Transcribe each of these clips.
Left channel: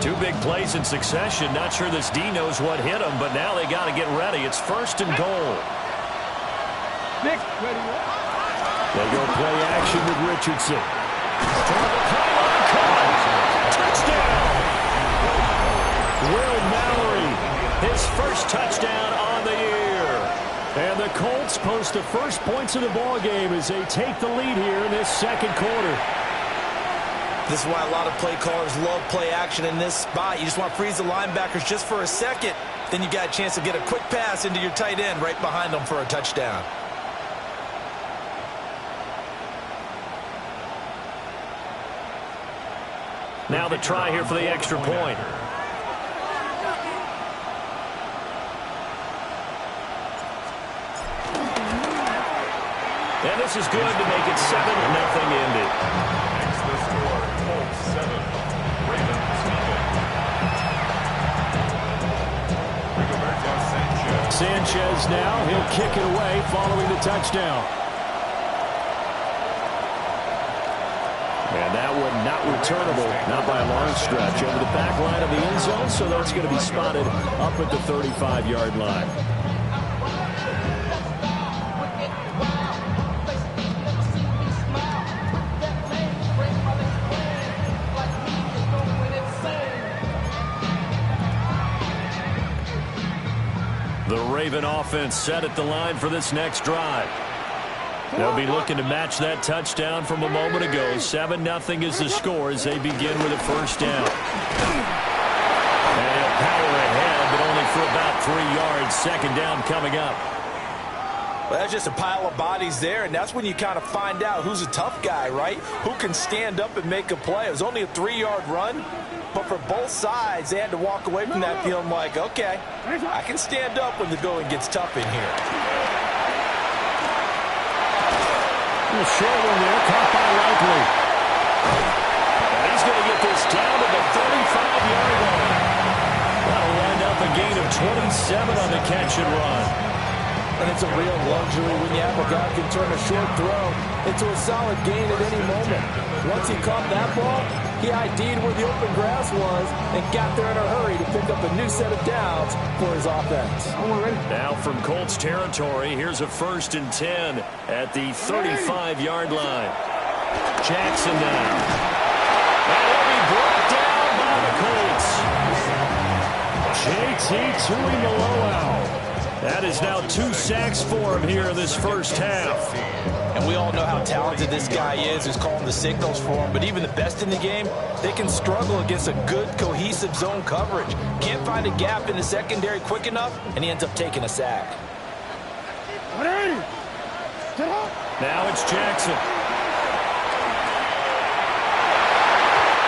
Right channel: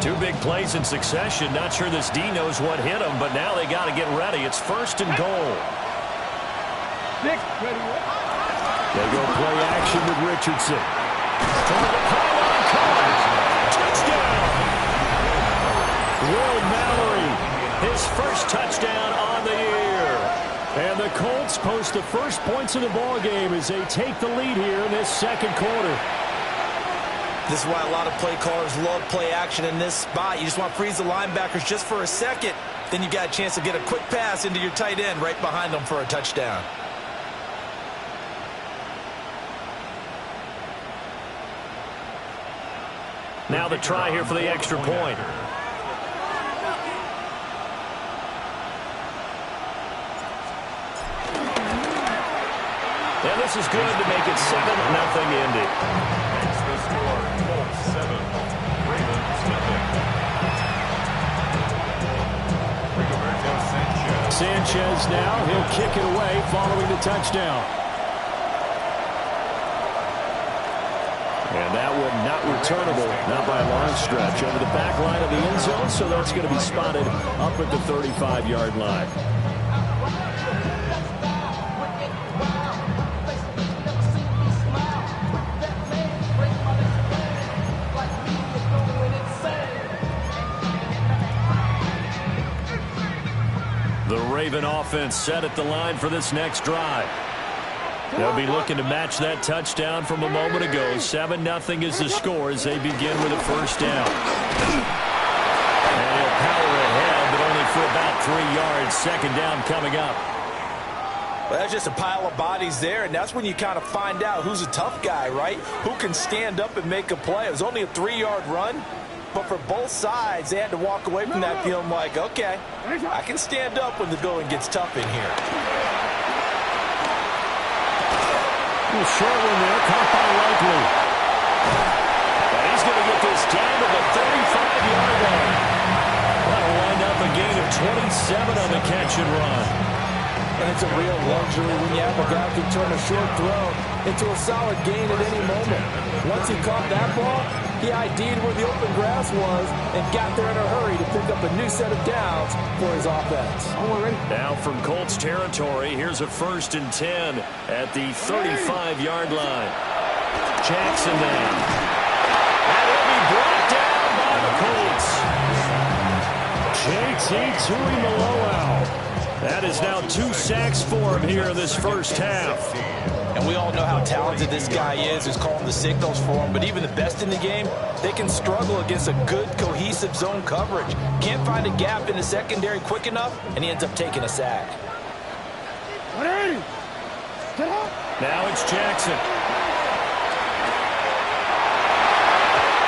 Two big plays in succession. Not sure this D knows what hit him, but now they got to get ready. It's first and goal. They go play action with Richardson. Toward the pylon, caught. Touchdown. Will Mallory, his first touchdown on the year. And the Colts post the first points of the ball game as they take the lead here in this second quarter. This is why a lot of play callers love play action in this spot. You just want to freeze the linebackers just for a second. Then you got a chance to get a quick pass into your tight end right behind them for a touchdown. Now the try here for the extra point. And this is good to make it 7-0 Indy. Makes the score Colts 7, Ravens nothing. Rigoberto Sanchez. Sanchez now, he'll kick it away following the touchdown. And that one not returnable, not by a long stretch, over the back line of the end zone, so that's going to be spotted up at the 35-yard line. The Raven offense set at the line for this next drive. They'll be looking to match that touchdown from a moment ago. 7-0 is the score as they begin with a first down. And he'll power ahead, but only for about 3 yards. Second down coming up. Well, that's just a pile of bodies there, and that's when you kind of find out who's a tough guy, right? Who can stand up and make a play. It was only a 3-yard run, but for both sides, they had to walk away from that feeling like, okay, I can stand up when the going gets tough in here. A short one there, caught by Likely. And he's going to get this down to the 35-yard line. That'll wind up a gain of 27 on the catch and run. And it's a real luxury when you have a guy who can turn a short throw into a solid gain at any moment. Once he caught that ball, he ID'd where the open grass was and got there in a hurry to pick up a new set of downs for his offense. Now from Colts territory, here's a 1st and 10 at the 35-yard line. Jackson now. And he'll be brought down by the Colts. JT Tuimoloau. That is now 2 sacks for him here in this first half. And we all know how talented this guy is who's calling the signals for him. But even the best in the game, they can struggle against a good, cohesive zone coverage. Can't find a gap in the secondary quick enough, and he ends up taking a sack. Now it's Jackson.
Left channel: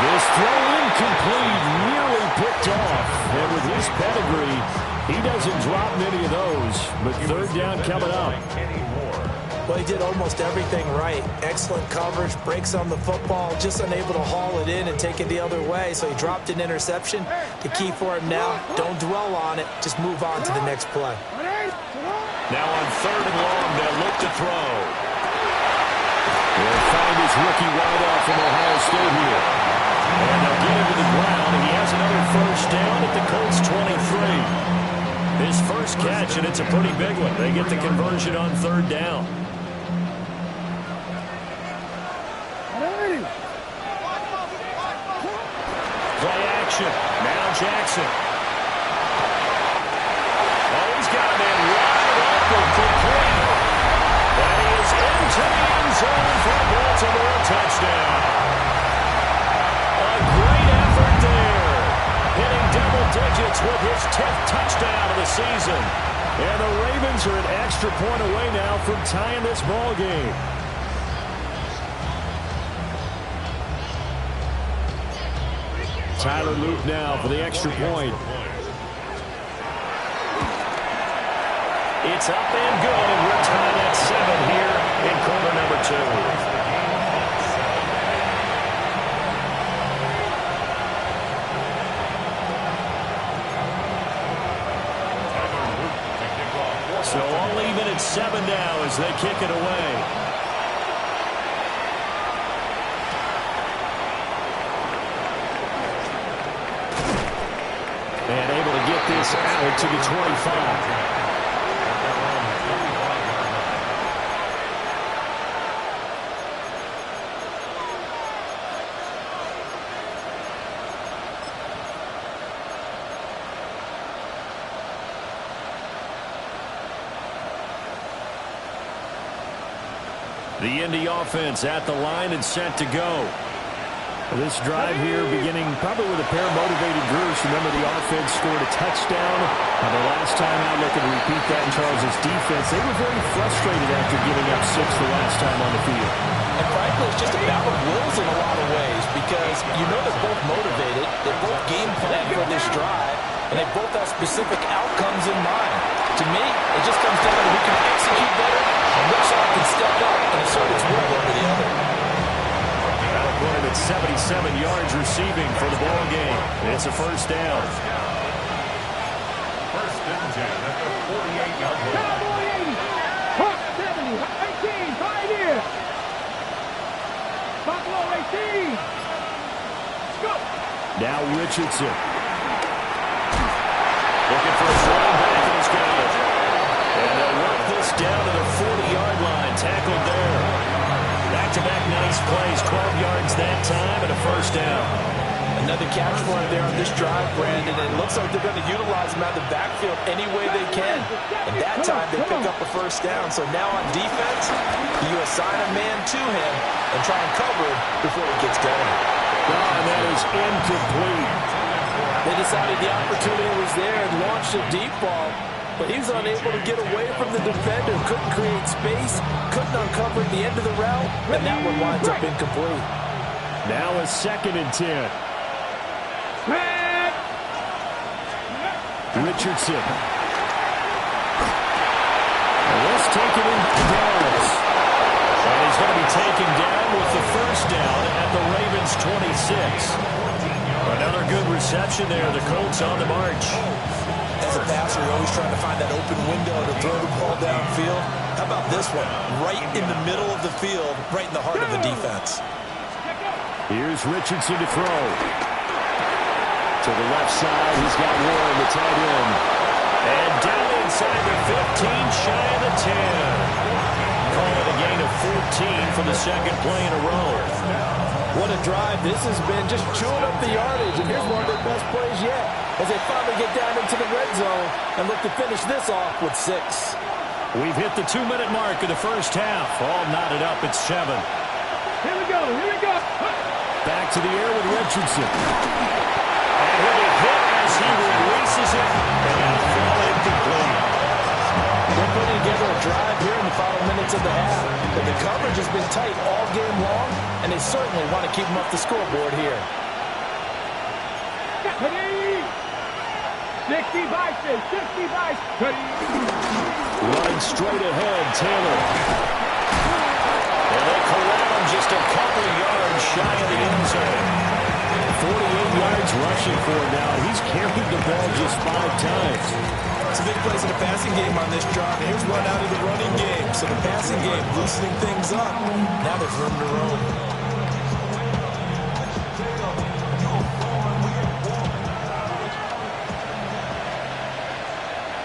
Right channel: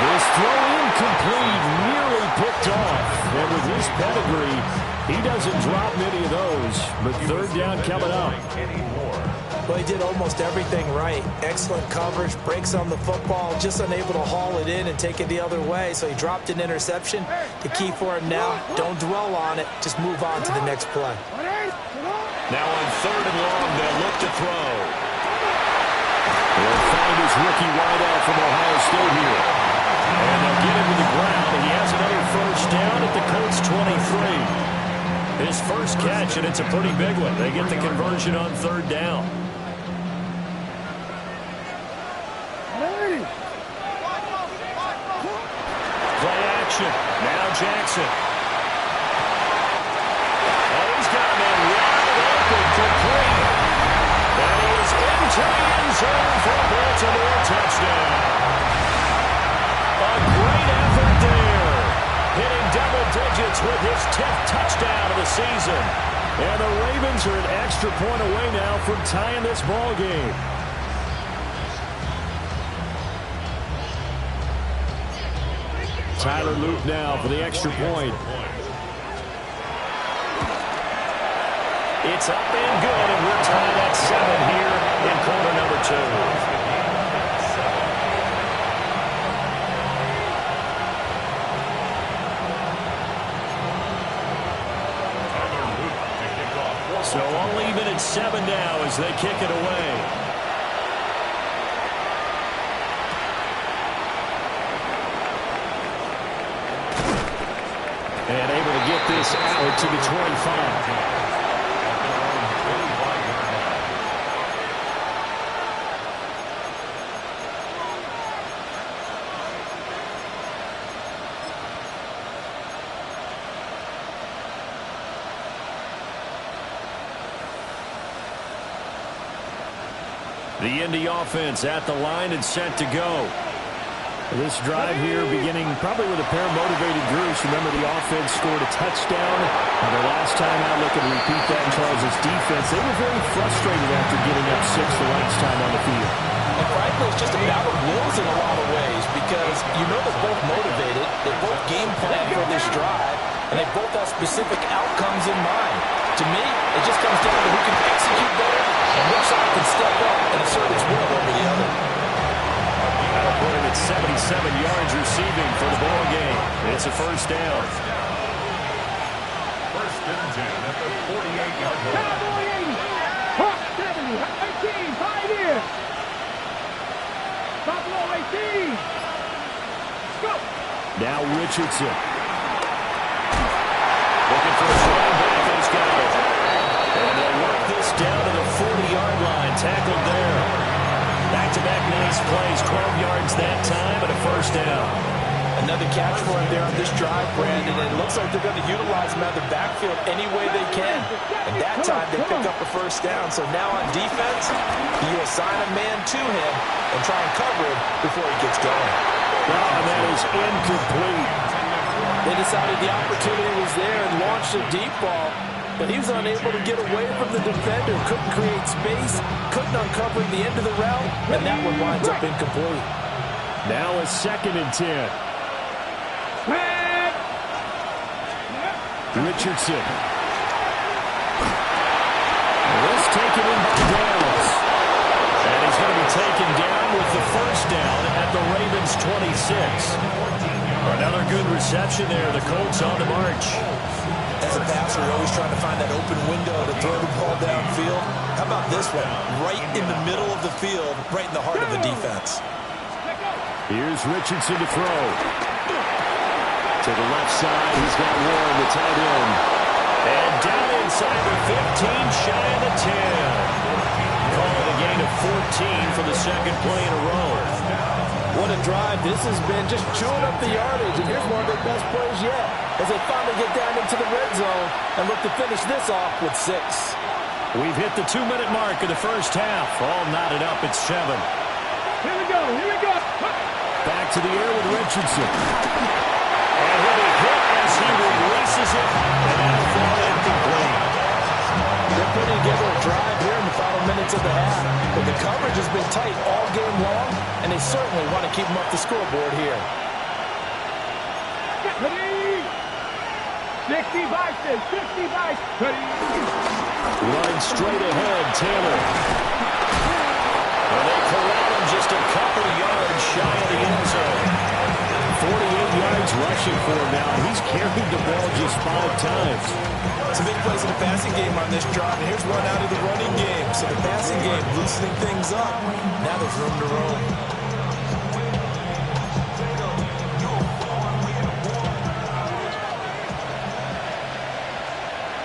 This throw incomplete, nearly picked off. And with his pedigree, he doesn't drop many of those. But third down coming up. Well, he did almost everything right. Excellent coverage, breaks on the football, just unable to haul it in and take it the other way. So he dropped an interception. The key for him now, don't dwell on it. Just move on to the next play. Now on 3rd and long, they'll look to throw. They'll find his rookie wideout from Ohio State here. And they'll get him to the ground. He has another first down at the Colts 23. His first catch, and it's a pretty big one. They get the conversion on 3rd down. Play action. Now Jackson. Oh, he's got a man wide open, complete. And he is into the end zone for a Baltimore touchdown. A great effort there. Hitting double digits with his 10th touchdown of the season. And the Ravens are an extra point away now from tying this ball game. Tyler Luke now for the extra point. It's up and good, and we're tied at 7 here in quarter number 2. So all even at 7 now as they kick it away. And able to get this out to the 25. At their own 25-yard line. The Indy offense at the line and set to go. This drive here beginning probably with a pair of motivated groups. Remember, the offense scored a touchdown. Their last time out, looking to repeat that in Charles' defense. They were very frustrated after giving up 6 the last time on the field. And frankly, it's just a battle of wills in a lot of ways because you know they're both motivated. They both game plan for this drive, and they both have specific outcomes in mind. To me, it just comes down to who can execute better and which side can step up and assert its will over the other. That'll put him at 77 yards receiving for the ball game. It's a first down. First and 10 at the 48-yard line. Cowboy 80. Hawk 70. 18. 5 here. Buffalo 18. Let's go. Now Richardson. Looking for his running back, and he's got it. And they'll work this down to the 40-yard line. Tackled there. Back-to-back nice plays. 12 yards that time and a first down. Another catch for him there on this drive, Brandon. And it looks like they're going to utilize him out of the backfield any way they can. And that time they pick up a first down. So now on defense, you assign a man to him and try and cover him before he gets going. Oh, and that is incomplete. They decided the opportunity was there and launched a deep ball. But he was unable to get away from the defender. Couldn't create space. Couldn't uncover at the end of the route. And that one winds up incomplete. Now a 2nd and 10. Richardson. This taken in by Downs. And he's going to be taken down with the first down at the Ravens' 26. Another good reception there. The Colts on the march. As a passer, you're always trying to find that open window to throw the ball downfield. How about this one? Right in the middle of the field, right in the heart of the defense. Here's Richardson to throw. To the left side, he's got Warren, the tight end. And down inside the 15, shy of the 10. Call it a gain of 14 for the second play in a row. What a drive this has been, just chewing up the yardage. And here's one of their best plays yet, as they finally get down into the red zone and look to finish this off with 6. We've hit the 2-minute mark of the first half. All knotted up at 7. Here we go. Here we go. Back to the air with Richardson. And he'll be hit as he releases it. And that'll fall incomplete. They're putting together a drive here in the final minutes of the half. But the coverage has been tight all game long, and they certainly want to keep them off the scoreboard here. 60 Bison. 60 Bison. Running straight ahead, Taylor. And they corral him just a couple yards shy of the end zone. 48 yards rushing for him now, and he's carried the ball just 5 times. Some big plays in the passing game on this drive, and here's one out of the running game. So the passing game loosening things up. Now there's room to roam.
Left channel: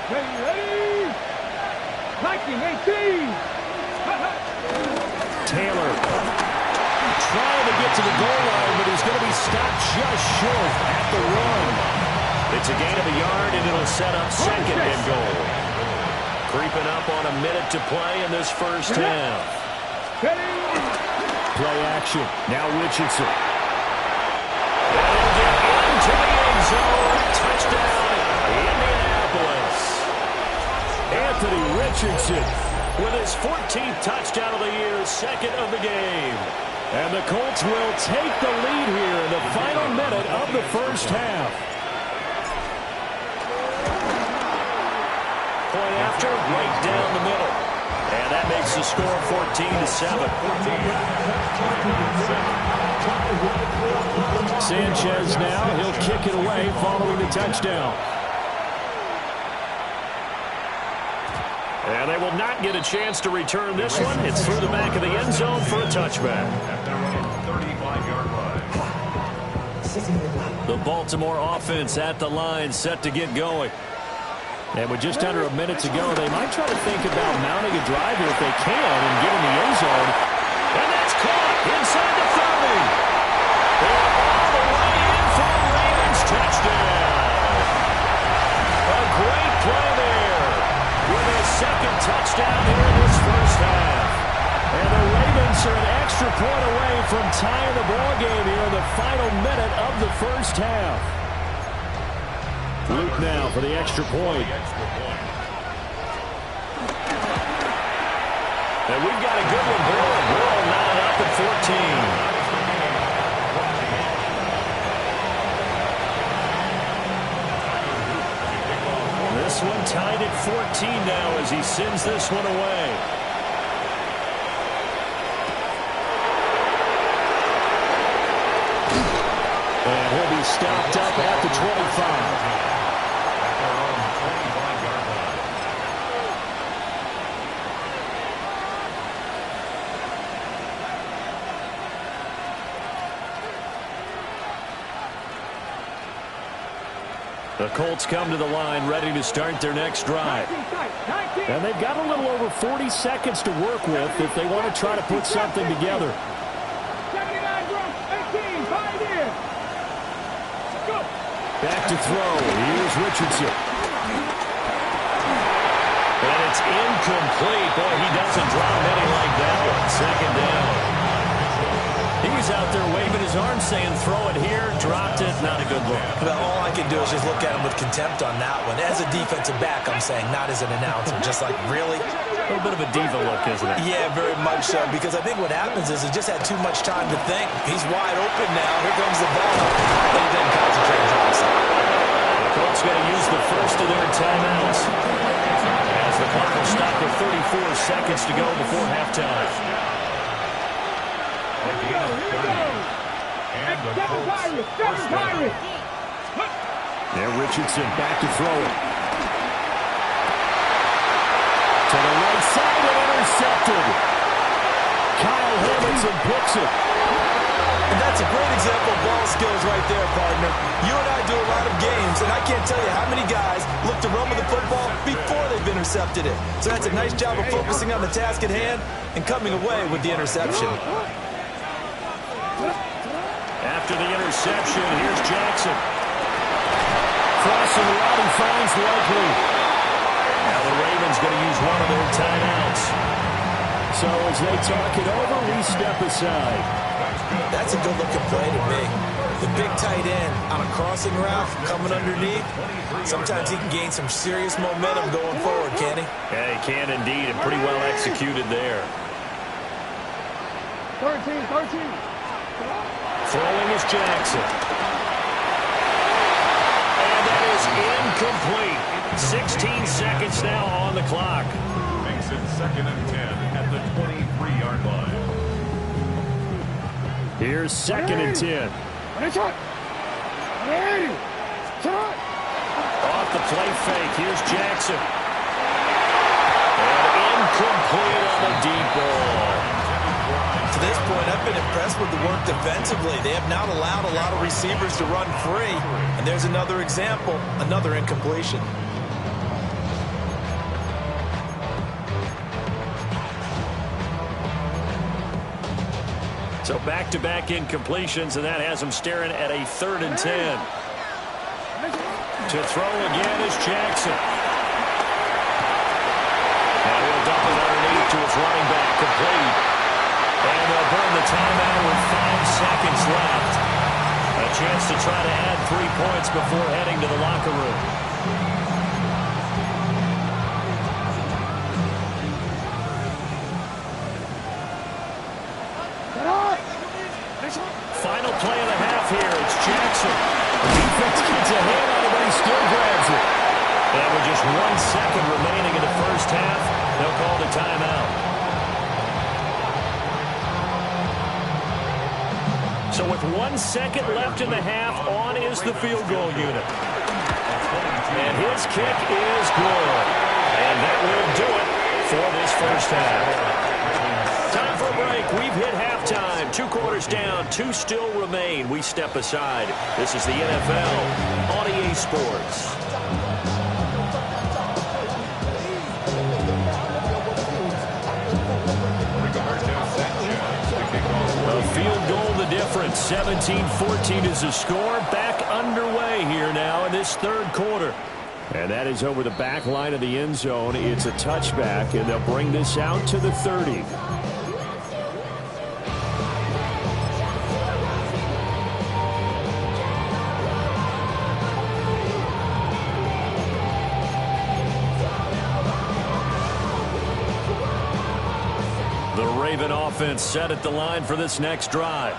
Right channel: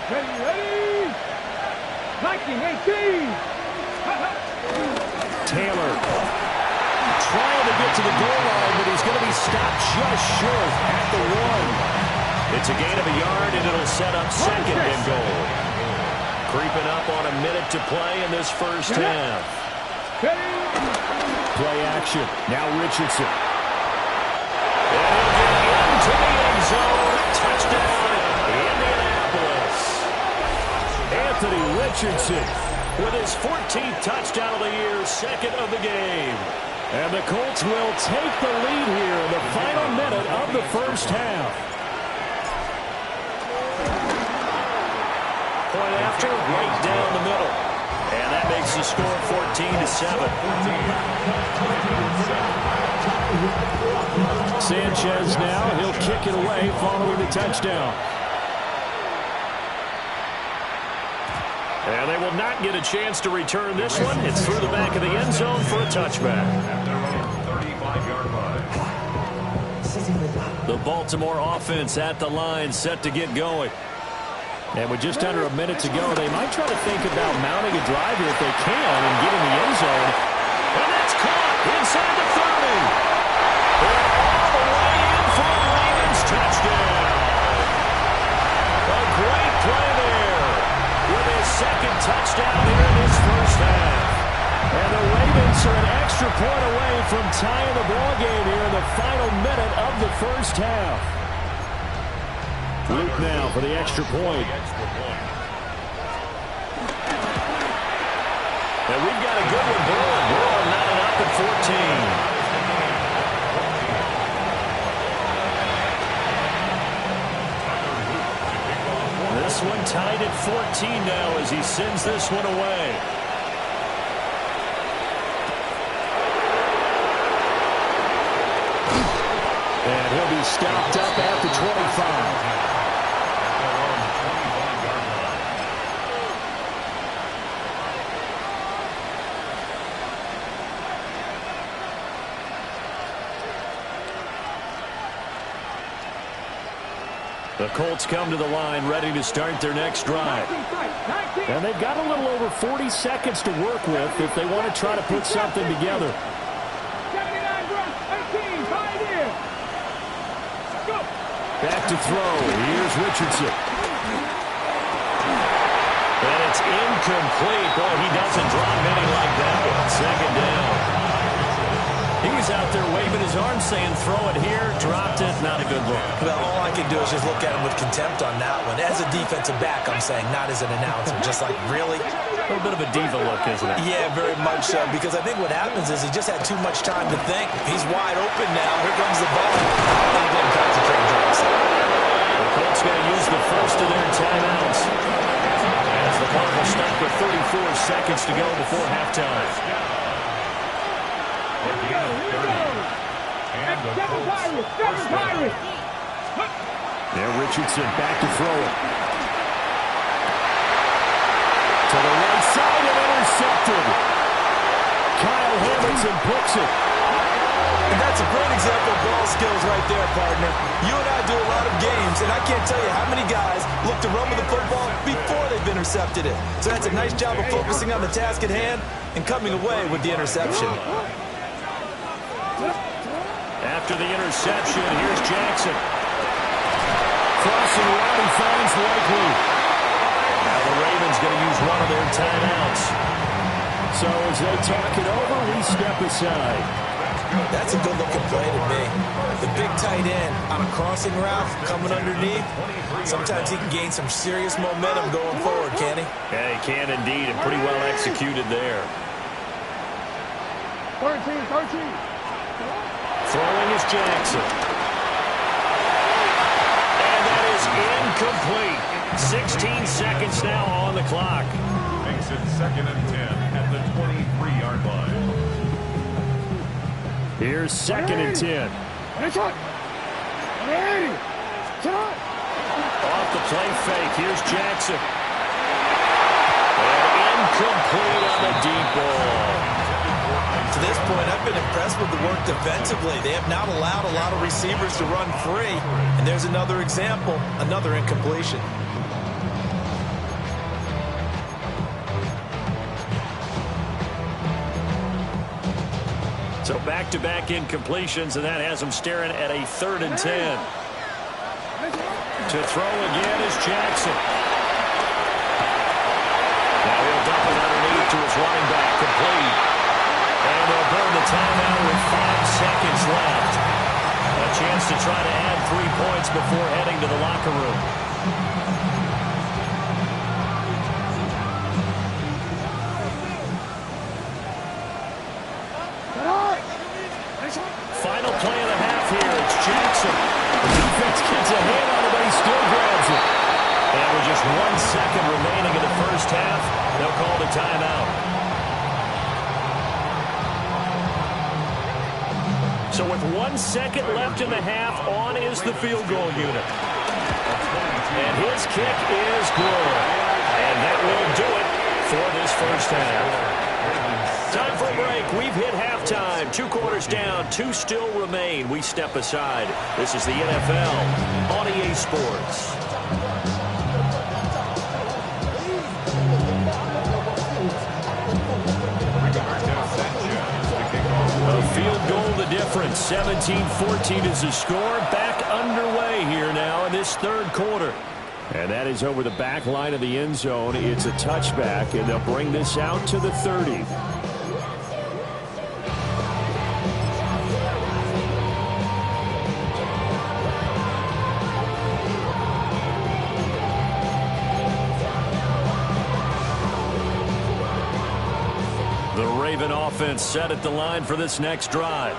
Ready? Viking 18. Taylor trying to get to the goal line, but he's going to be stopped just short at the 1. It's a gain of a yard, and it'll set up 2nd and goal. Creeping up on a minute to play in this first half. Play action. Now Richardson. And he'll get into the end zone. Touchdown, Indianapolis. Anthony Richardson with his 14th touchdown of the year, 2nd of the game. And the Colts will take the lead here in the final minute of the first half. Point after, right down the middle. And that makes the score 14-7. Sanchez now, he'll kick it away following the touchdown. And they will not get a chance to return this one. It's through the back of the end zone for a touchback. At their own 35-yard line. The Baltimore offense at the line, set to get going. And with just under a minute to go, they might try to think about mounting a drive here if they can and get in the end zone. And that's caught inside the 30. And all the way in for a Ravens touchdown. A great play there with his second touchdown here in this first half. And the Ravens are an extra point away from tying the ball game here in the final minute of the first half. Luke now for the extra point. And we've got a good one brewing. We're all knotted up at 14. This one tied at 14 now as he sends this one away. And he'll be stopped up at the 25. The Colts come to the line ready to start their next drive. And they've got a little over 40 seconds to work with if they want to try to put something together. 79 runs, 18, pioneer. Go. Back to throw. Here's Richardson. And it's incomplete. Boy, he doesn't drop many like that one. Second down. He was out there waving his arm saying, throw it here, dropped it, not a good look. Well, all I can do is just look at him with contempt on that one. As a defensive back, I'm saying, not as an announcer. Just like, really? A little bit of a diva look, isn't it? Yeah, very much so, because I think what happens is he just had too much time to think. He's wide open now. Here comes the ball. And he didn't concentrate and drops it. The Colts going to use the first of their timeouts as the clock will stop with 34 seconds to go before halftime. And the Colts first down. There Richardson back to throw it. To the right side and intercepted. Kyle Hamilton picks it. And that's a great example of ball skills right there, partner. You and I do a lot of games, and I can't tell you how many guys look to run with the football before they've intercepted it. So that's a nice job of focusing on the task at hand and coming away with the interception. After the interception, here's Jackson. Crossing route, he finds Likely. Now the Ravens going to use one of their timeouts. So as they talk it over, we step aside. That's a good-looking play to me. The big tight end on a crossing route, coming underneath. Sometimes he can gain some serious momentum going forward, can he? Yeah, he can indeed, and pretty well executed there. 13. Throwing is Jackson. And that is incomplete. 16 seconds now on the clock. Makes it 2nd and 10 at the 23-yard line. Here's 2nd and 10. Off the play fake. Here's Jackson. And incomplete on the deep ball. To this point, I've been impressed with the work defensively. They have not allowed a lot of receivers to run free. And there's another example, another incompletion. So back-to-back incompletions, and that has them staring at a 3rd and 10. To throw again is Jackson. Now he'll dump it underneath to his running back, complete. And they'll burn the timeout with 5 seconds left. A chance to try to add 3 points before heading to the locker room. Final play of the half here. It's Jackson. The defense gets a hand on it, but he still grabs it. And with just 1 second remaining in the first half, they'll call the timeout. So with 1 second left in the half, on is the field goal unit. And his kick is good. And that will do it for this first half. Time for a break. We've hit halftime. 2 quarters down. 2 still remain. We step aside. This is the NFL on EA Sports. A field goal the difference. 17-14 is the score. Back underway here now in this third quarter. And that is over the back line of the end zone. It's a touchback, and they'll bring this out to the 30. The Raven offense set at the line for this next drive.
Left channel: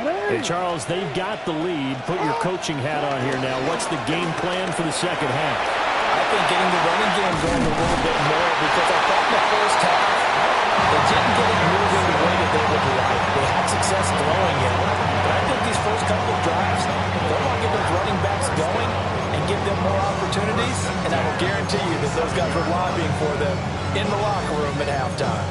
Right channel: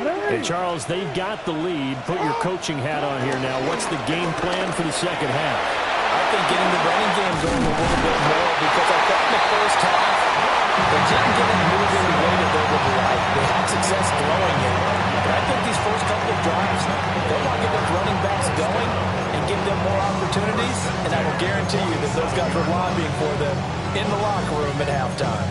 Hey, Charles, they've got the lead. Put your coaching hat on here now. What's the game plan for the second half? I think getting the running game going a little bit more, because I thought in the first half they didn't get it moving the way that they would like. They had success throwing it. But I think these first couple of drives, they want to get those running backs going and give them more opportunities. And I will guarantee you that those guys were lobbying for them in the locker room at halftime.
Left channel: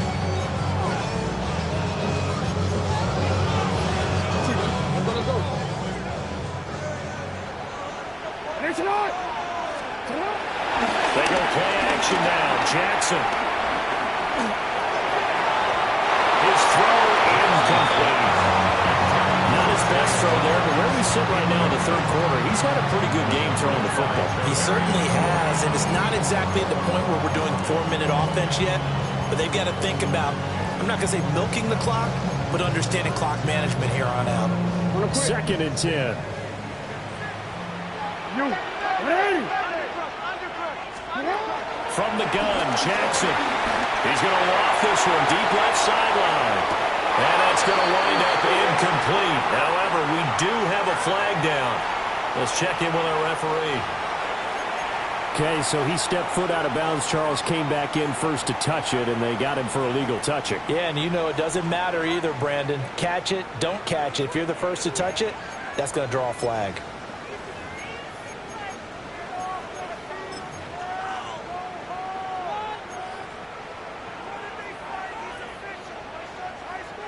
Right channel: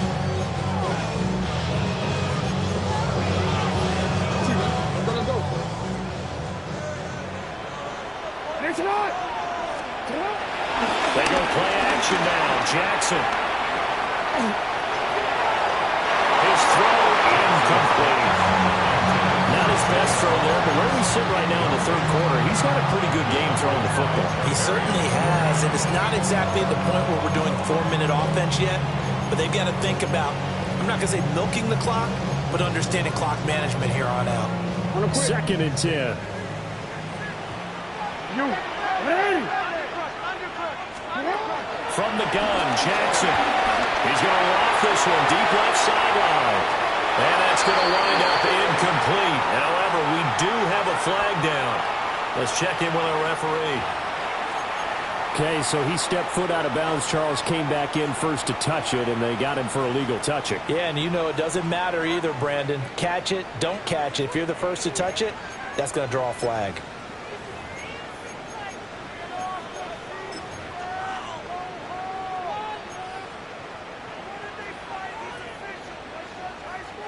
They go play action now. Jackson. His throw incomplete. Not his best throw there, but where we sit right now in the third quarter, he's had a pretty good game throwing the football. He certainly has, and it's not exactly at the point where we're doing 4-minute offense yet, but they've got to think about, I'm not going to say milking the clock, but understanding clock management here on out. 2nd and 10. From the gun, Jackson. He's going to loft this one deep left sideline. And that's going to wind up incomplete. However, we do have a flag down. Let's check in with our referee. Okay, so he stepped foot out of bounds. Charles came back in first to touch it, and they got him for illegal touching. Yeah, and you know it doesn't matter either, Brandon. Catch it, don't catch it. If you're the first to touch it, that's going to draw a flag.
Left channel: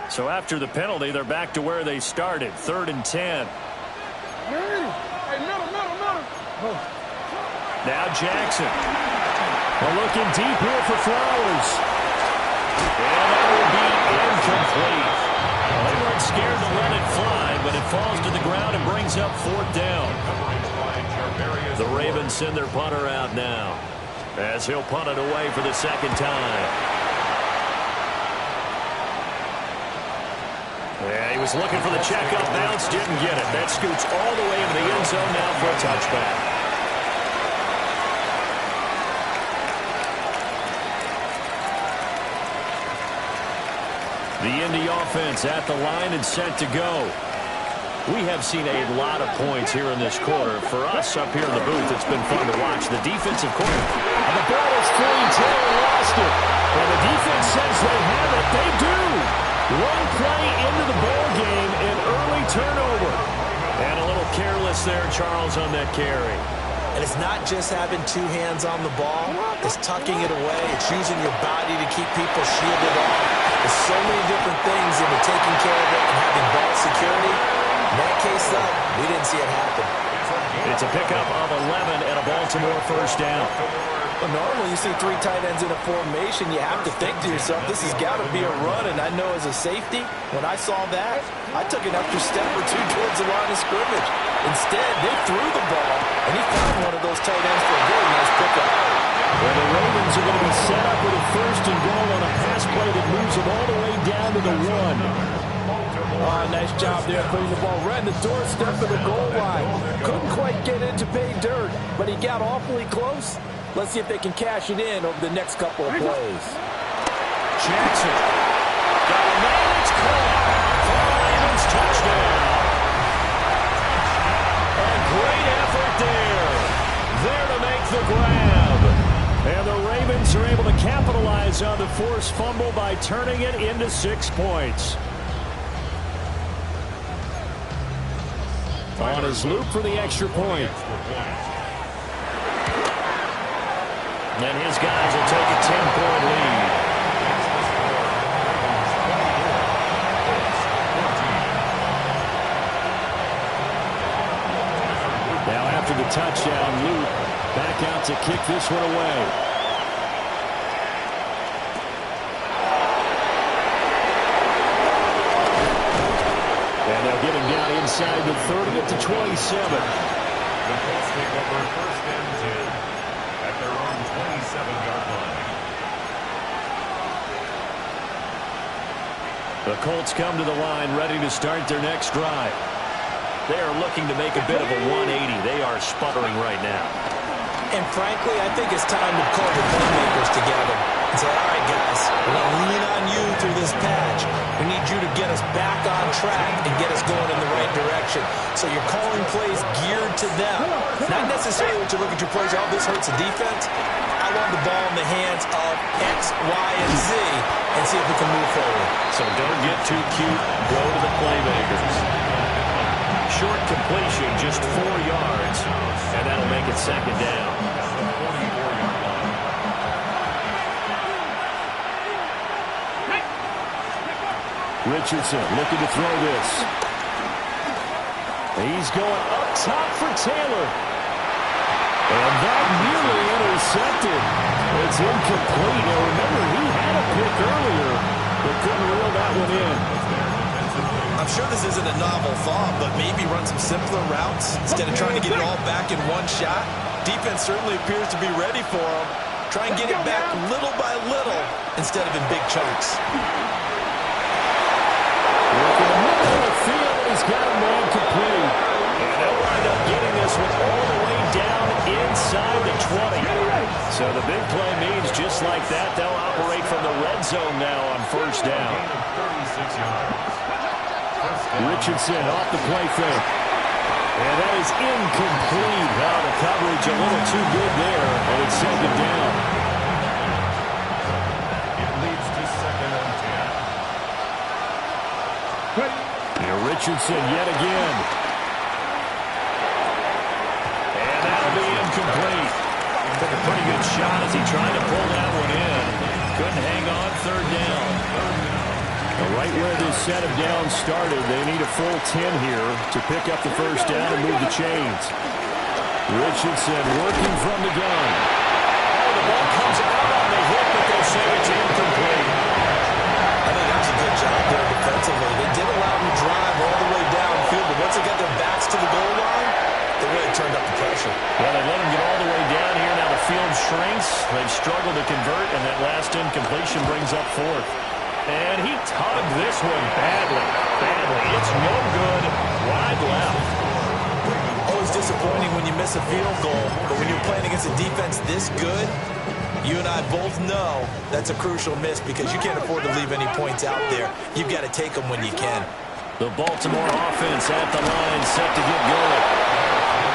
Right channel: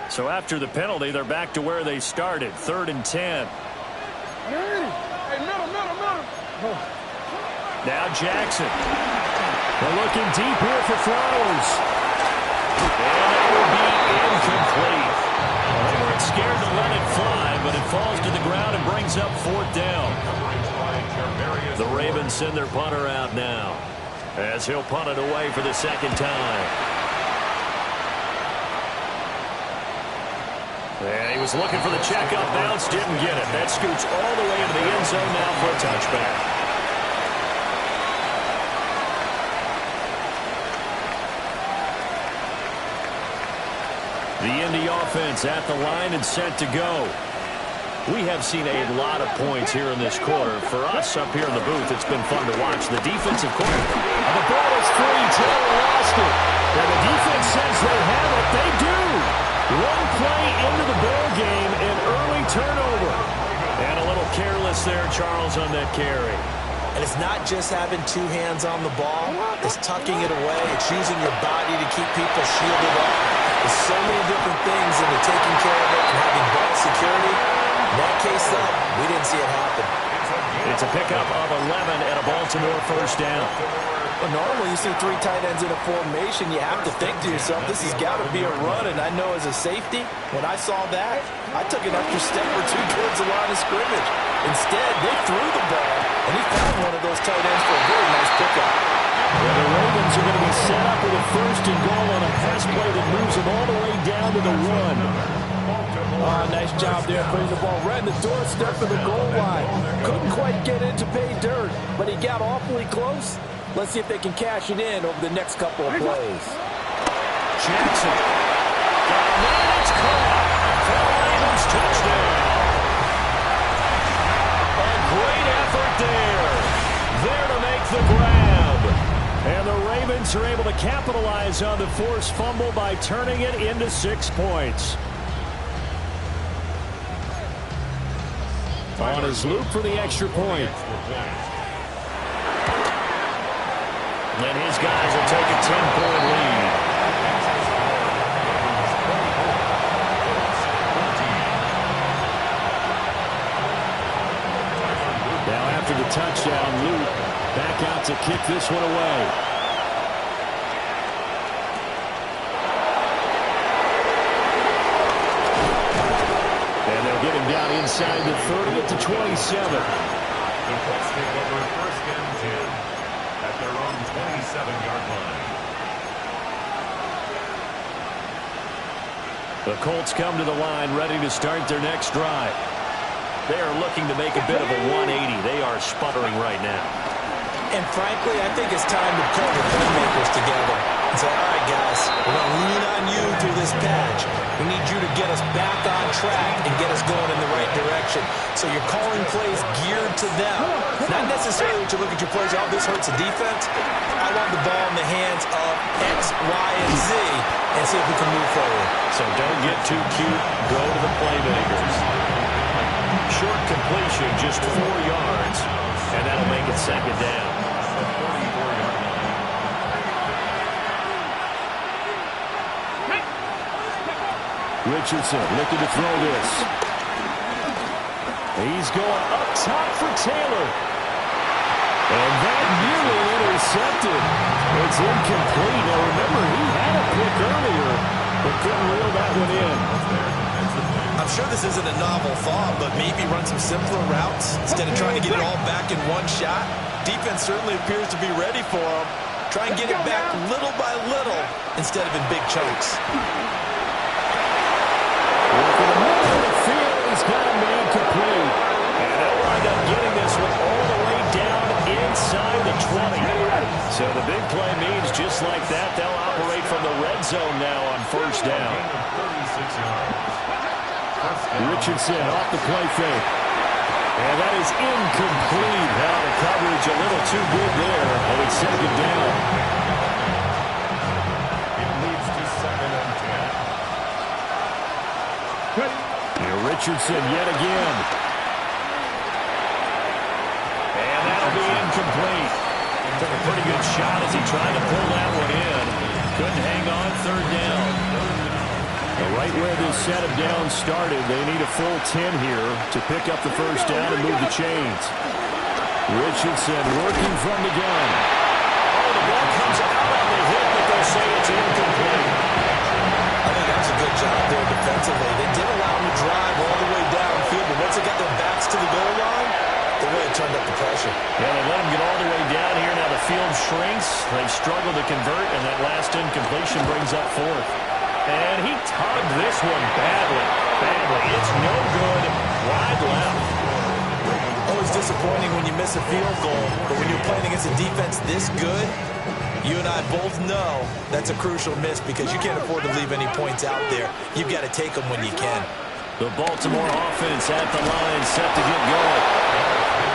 So after the penalty, they're back to where they started. 3rd and 10. Hey, middle. Now Jackson. We're looking deep here for Flowers. And that will be incomplete. Well, they weren't scared to let it fly, but it falls to the ground and brings up 4th down. The Ravens send their punter out now, as he'll punt it away for the 2nd time. Yeah, he was looking for the checkup bounce, didn't get it. That scoots all the way into the end zone now for a touchback. The Indy offense at the line and set to go. We have seen a lot of points here in this quarter. For us up here in the booth, it's been fun to watch. The defensive quarter. And the ball is free. Taylor lost it. And the defense says they have it. They do. One play into the ball game, an early turnover. And a little careless there, Charles, on that carry. And it's not just having 2 hands on the ball. It's tucking it away. It's using your body to keep people shielded off. There's so many different things into taking care of it and having ball security. In that case, though, we didn't see it happen. It's a pickup of 11 and a Baltimore first down. Well, normally you see 3 tight ends in a formation, you have to think to yourself, this has got to be a run. And I know as a safety, when I saw that, I took an extra step or 2 towards the line of scrimmage. Instead, they threw the ball, and he found one of those tight ends for a very nice pickup. Well, the Ravens are going to be set up with a 1st and goal on a pass play that moves them all the way down to the 1. Oh, nice job there putting the ball right in the doorstep of the goal line. Couldn't quite get in to pay dirt, but he got awfully close. Let's see if they can cash it in over the next couple of plays. Jackson. Got a man, it's caught. For a Ravens touchdown. A great effort there. There to make the grab. And the Ravens are able to capitalize on the forced fumble by turning it into 6 points. On his loop for the extra point. And his guys will take a 10-point lead. Now after the touchdown, Luke back out to kick this one away. And they'll get him down inside the 30 at the 27. The Colts take over 1st and 10 at their own 27-yard line. The Colts come to the line ready to start their next drive. They are looking to make a bit of a 180. They are sputtering right now. And frankly, I think it's time to call the playmakers together and say, all right, guys, we're going to lean on you through this patch. We need you to get us back on track and get us going in the right direction. So you're calling plays geared to them. Not necessarily what you look at your plays, oh, this hurts the defense. I want the ball in the hands of X, Y, and Z and see if we can move forward. So don't get too cute. Go to the playmakers. Short completion, just 4 yards, and that'll make it 2nd down. The 44-yard line. Richardson looking to throw this. He's going up top for Taylor. And that nearly intercepted. It's incomplete. Now remember, he had a pick earlier, but couldn't reel that one in. I'm sure this isn't a novel thought, but maybe run some simpler routes instead of trying to get it all back in one shot. Defense certainly appears to be ready for him. Try and get it back little by little instead of in big chunks. Working the middle of the field, he's got a man complete. And they'll wind up getting this one all the way down inside the 20. So the big play means just like that, they'll operate from the red zone now on 1st down. 36 yards. Richardson off the play fake. And that is incomplete. Now the coverage a little too good there, and it's 2nd down. It leads to 2nd and 10. Here Richardson yet again. And that'll be incomplete. Took a pretty good shot as he tried to pull that one in. Couldn't hang on, 3rd down. Right where this set of downs started, they need a full 10 here to pick up the 1st down and move the chains. Richardson working from the gun. Oh, the ball comes out on the hit, but they'll say it's incomplete. I think that was a good job there defensively. They did allow him to drive all the way downfield, but once they got their backs to the goal line, they really turned up the pressure. Yeah, they let him get all the way down here. Now the field shrinks. They've struggled to convert, and that last incompletion brings up 4th. And he tugged this one badly. It's no good. Wide left. Always disappointing when you miss a field goal, but when you're playing against a defense this good, you and I both know that's a crucial miss because you can't afford to leave any points out there. You've got to take them when you can. The Baltimore offense at the line, set to get going.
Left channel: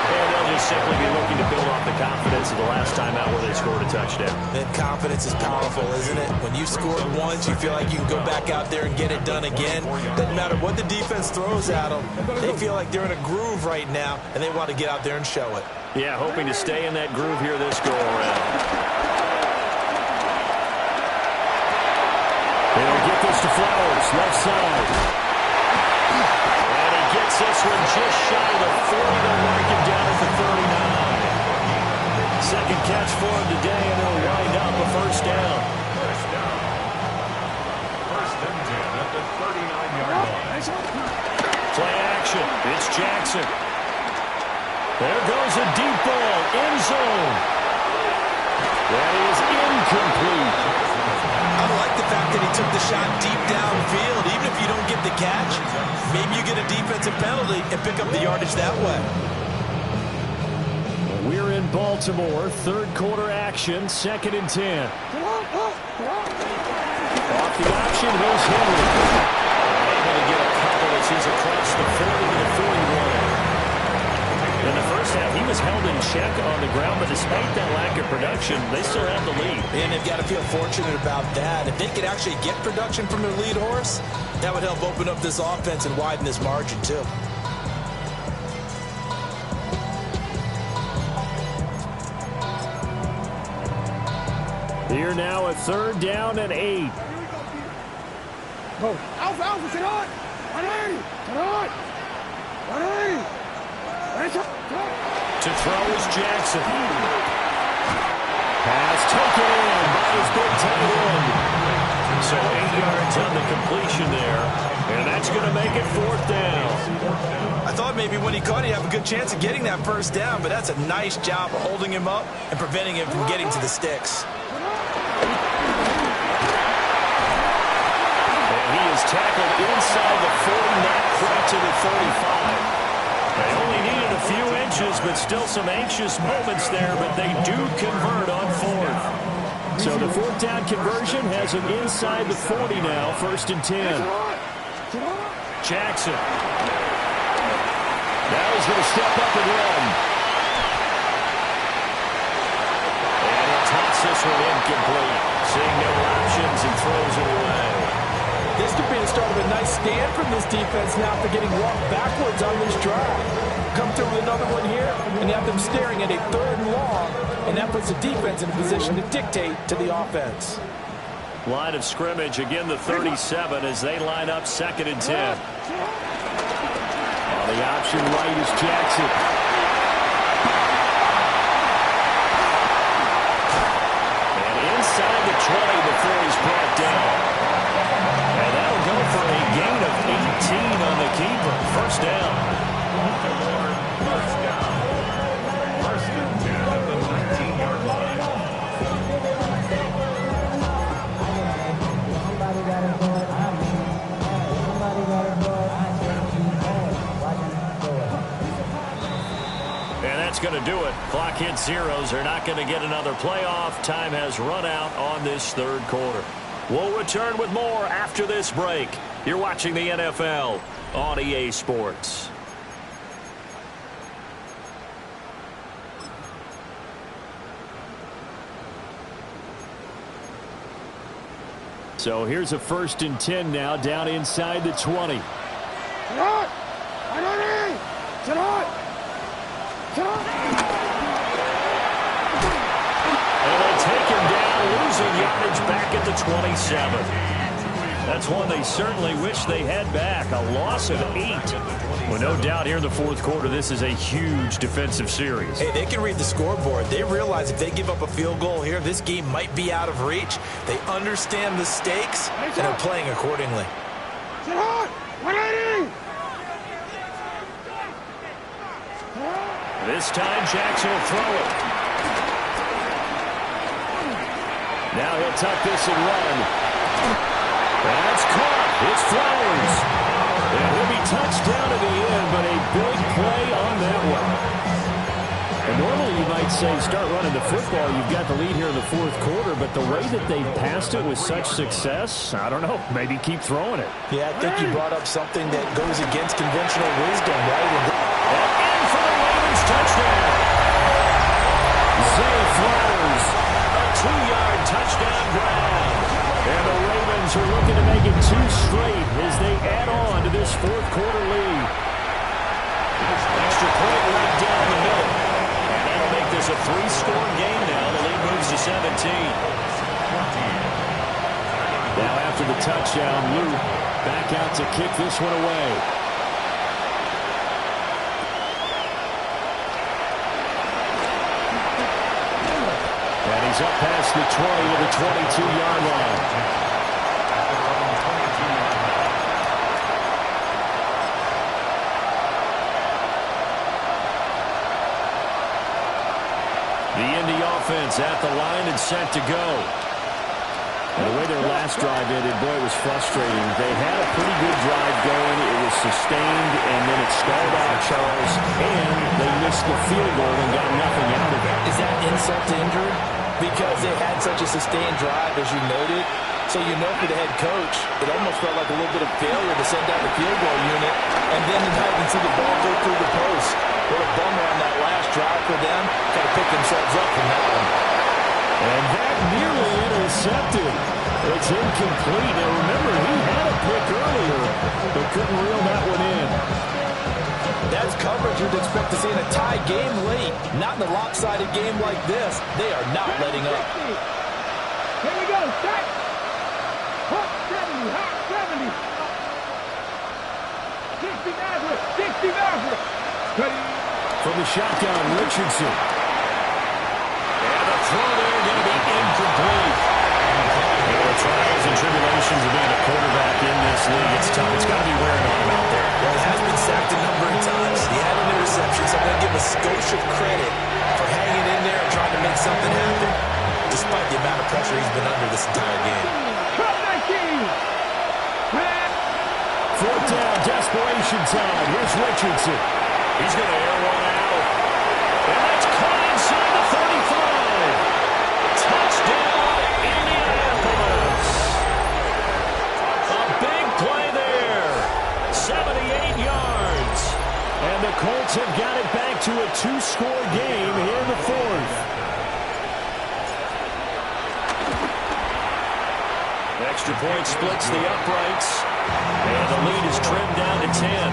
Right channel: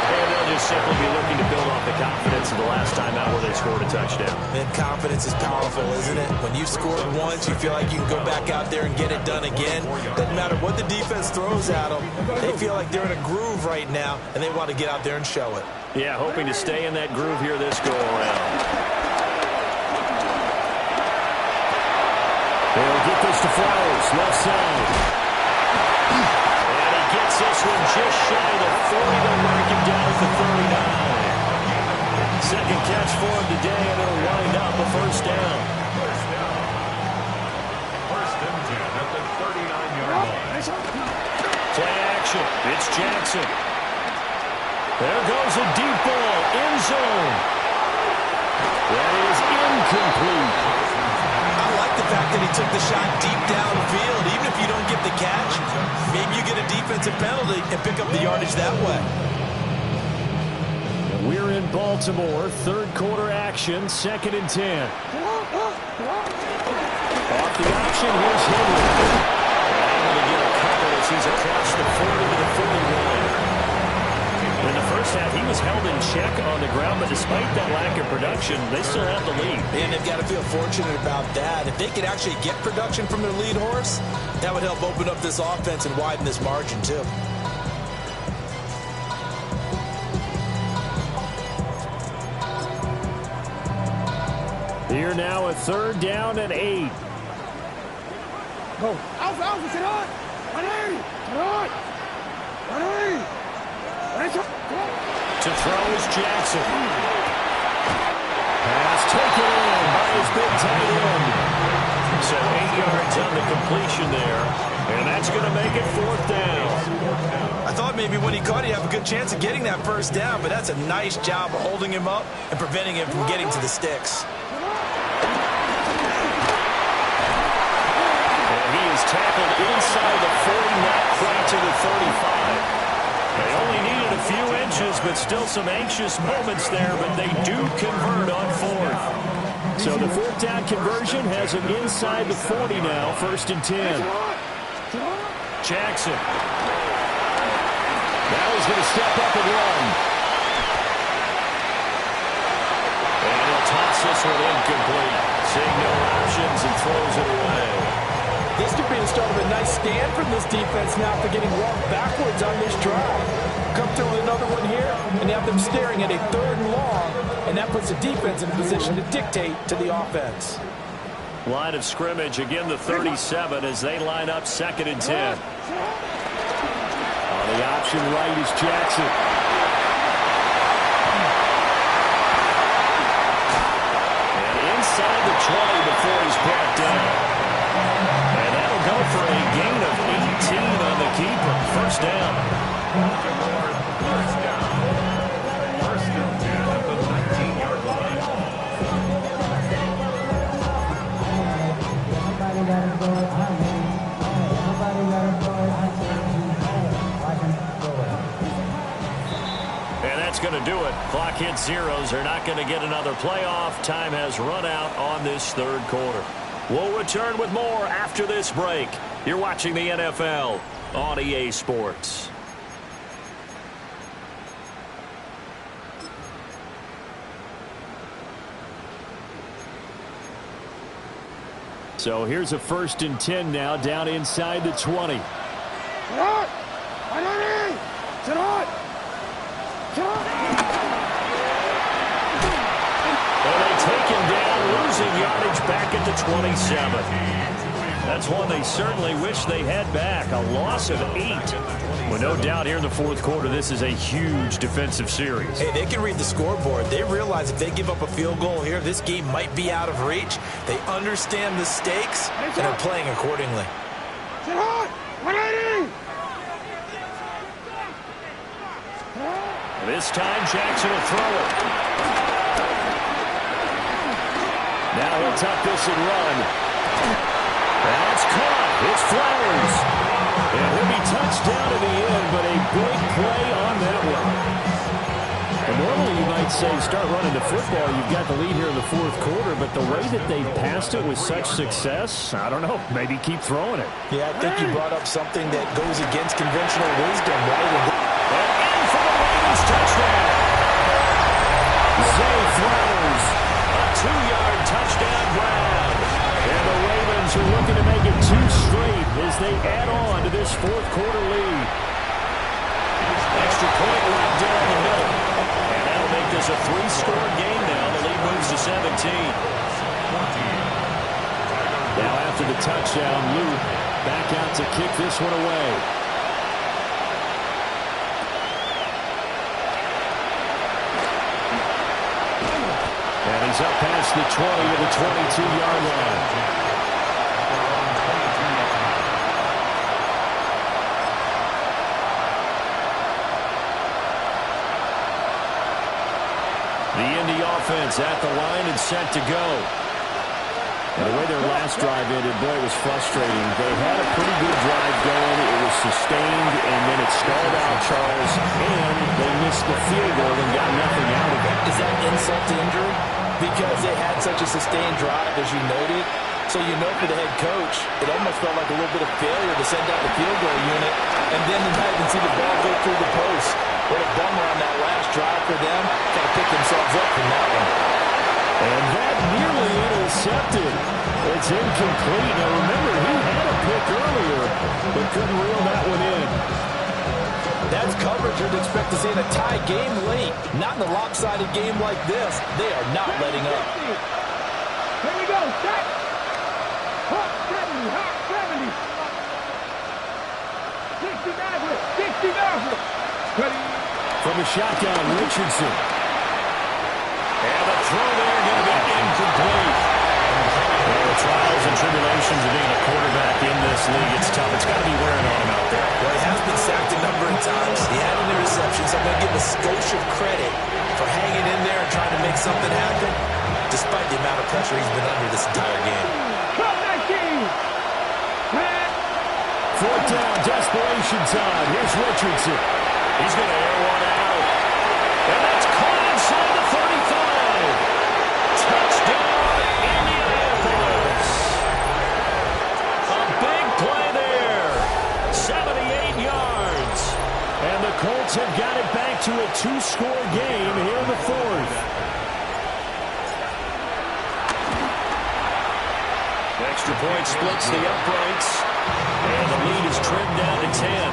And they'll just simply be looking to build off the confidence of the last time out where they scored a touchdown. And confidence is powerful, isn't it? When you've scored once, you feel like you can go back out there and get it done again. Doesn't matter what the defense throws at them. They feel like they're in a groove right now, and they want to get out there and show it. Yeah, hoping to stay in that groove here this go-around. They'll get this to Flowers, left side. And he gets this one just shy of the 40. They'll mark him down at the 39. Second catch for him today, and it'll wind up a 1st down. 1st and 10 at the 39-yard line. Play action. It's Jackson. There goes a deep ball. End zone. That is incomplete. I like the fact that he took the shot deep downfield. Even if you don't get the catch, maybe you get a defensive penalty and pick up the yardage that way. We're in Baltimore. 3rd quarter action. 2nd and 10. Off the option, here's Henry. Able to get a couple as he's across the 40 to the 41. In the first half, he was held in check on the ground, but despite that lack of production, they still have the lead. And they've got to feel fortunate about that. If they could actually get production from their lead horse, that would help open up this offense and widen this margin, too. Here now, a 3rd down and 8. Go. Alpha, sit on. 180. Sit on. 180. To throw is Jackson. Pass taken in by his big tight end. So 8 yards on the completion there, and that's going to make it 4th down. I thought maybe when he caught it, he'd have a good chance of getting that first down, but that's a nice job of holding him up and preventing him from getting to the sticks. And he is tackled inside the 40, not quite to the 35. They only needed a few inches, but still some anxious moments there, but they do convert on 4th. So the 4th down conversion has him inside the 40 now, 1st and 10. Jackson. Now he's going to step up and run. And he'll toss this one incomplete. Seeing no options and throws it away. This could be the start of a nice stand from this defense now after getting walked backwards on this drive. Come through with another one here and have them staring at a 3rd and long, and that puts the defense in a position to dictate to the offense. Line of scrimmage, again the 37 as they line up 2nd and 10. On the option right is Jackson. And inside the 20 before he's brought down. And that'll go for a gain of 18 on the keeper. 1st down. First down. 1st and 10 at the 19-yard line. Somebody got a boy. Somebody got a boy. Watching And that's going to do it. Clock hits zeros. They're not going to get another playoff. Time has run out on this 3rd quarter. We'll return with more after this break. You're watching the NFL on EA Sports. So here's a 1st and 10 now, down inside the 20. And they take him down, losing yardage back at the 27. That's one they certainly wish they had back. A loss of 8. Well, no doubt here in the 4th quarter, this is a huge defensive series. Hey, they can read the scoreboard. They realize if they give up a field goal here, this game might be out of reach. They understand the stakes and are playing accordingly. This time, Jackson will throw it. Now he'll tuck this and run. That's caught. It's Flowers. And he'll be touched down to the end, but a big play on that one. And normally you might say start running the football. You've got the lead here in the 4th quarter, but the way that they passed it with such success, I don't know, maybe keep throwing it. Yeah, I think you brought up something that goes against conventional wisdom, right? And in for the Ravens touchdown. Zay Flowers, a 2-yard touchdown grab. And the Ravens are looking to make it 2 straight as they add on to this 4th quarter lead. Extra point right down the middle. And that'll make this a 3-score game now. The lead moves to 17. Now after the touchdown, Lou back out to kick this one away. And he's up past the 20 to the 22-yard line. The Indy offense at the line and set to go. And the way their last drive ended, boy, it was frustrating. They had a pretty good drive going. It was sustained, and then it stalled out, Charles, and they missed the field goal and got nothing out of it. Is that insult to injury? Because they had such a sustained drive, as you noted. So you know for the head coach, it almost felt like a little bit of failure to send out the field goal unit and then to not even see the ball go through the post. What a bummer on that last drive for them. Got to pick themselves up from that one. And that nearly intercepted. It's incomplete. Now remember, he had a pick earlier, but couldn't reel that one in. That's coverage you'd expect to see in a tie game late. Not in a lopsided game like this. They are not letting up. Here we go. Set. Hot 70. Hot 70. 60 Maverick. 60 Maverick. Ready. From the shotgun, Richardson. And the throw there going to be incomplete. You know, the trials and tribulations of being a quarterback in this league, it's tough. It's got to be wearing on him out there. Well, he has been sacked a number of times. He had an interception, so I'm going to give him a skosh of credit for hanging in there and trying to make something happen, despite the amount of pressure he's been under this entire game. Fourth down, desperation time. Here's Richardson. He's going to air one out. And that's caught inside the 35. Touchdown, Indianapolis. A big play there. 78 yards. And the Colts have got it back to a two-score game here in the fourth. Extra point splits the uprights. And the lead is trimmed down to 10.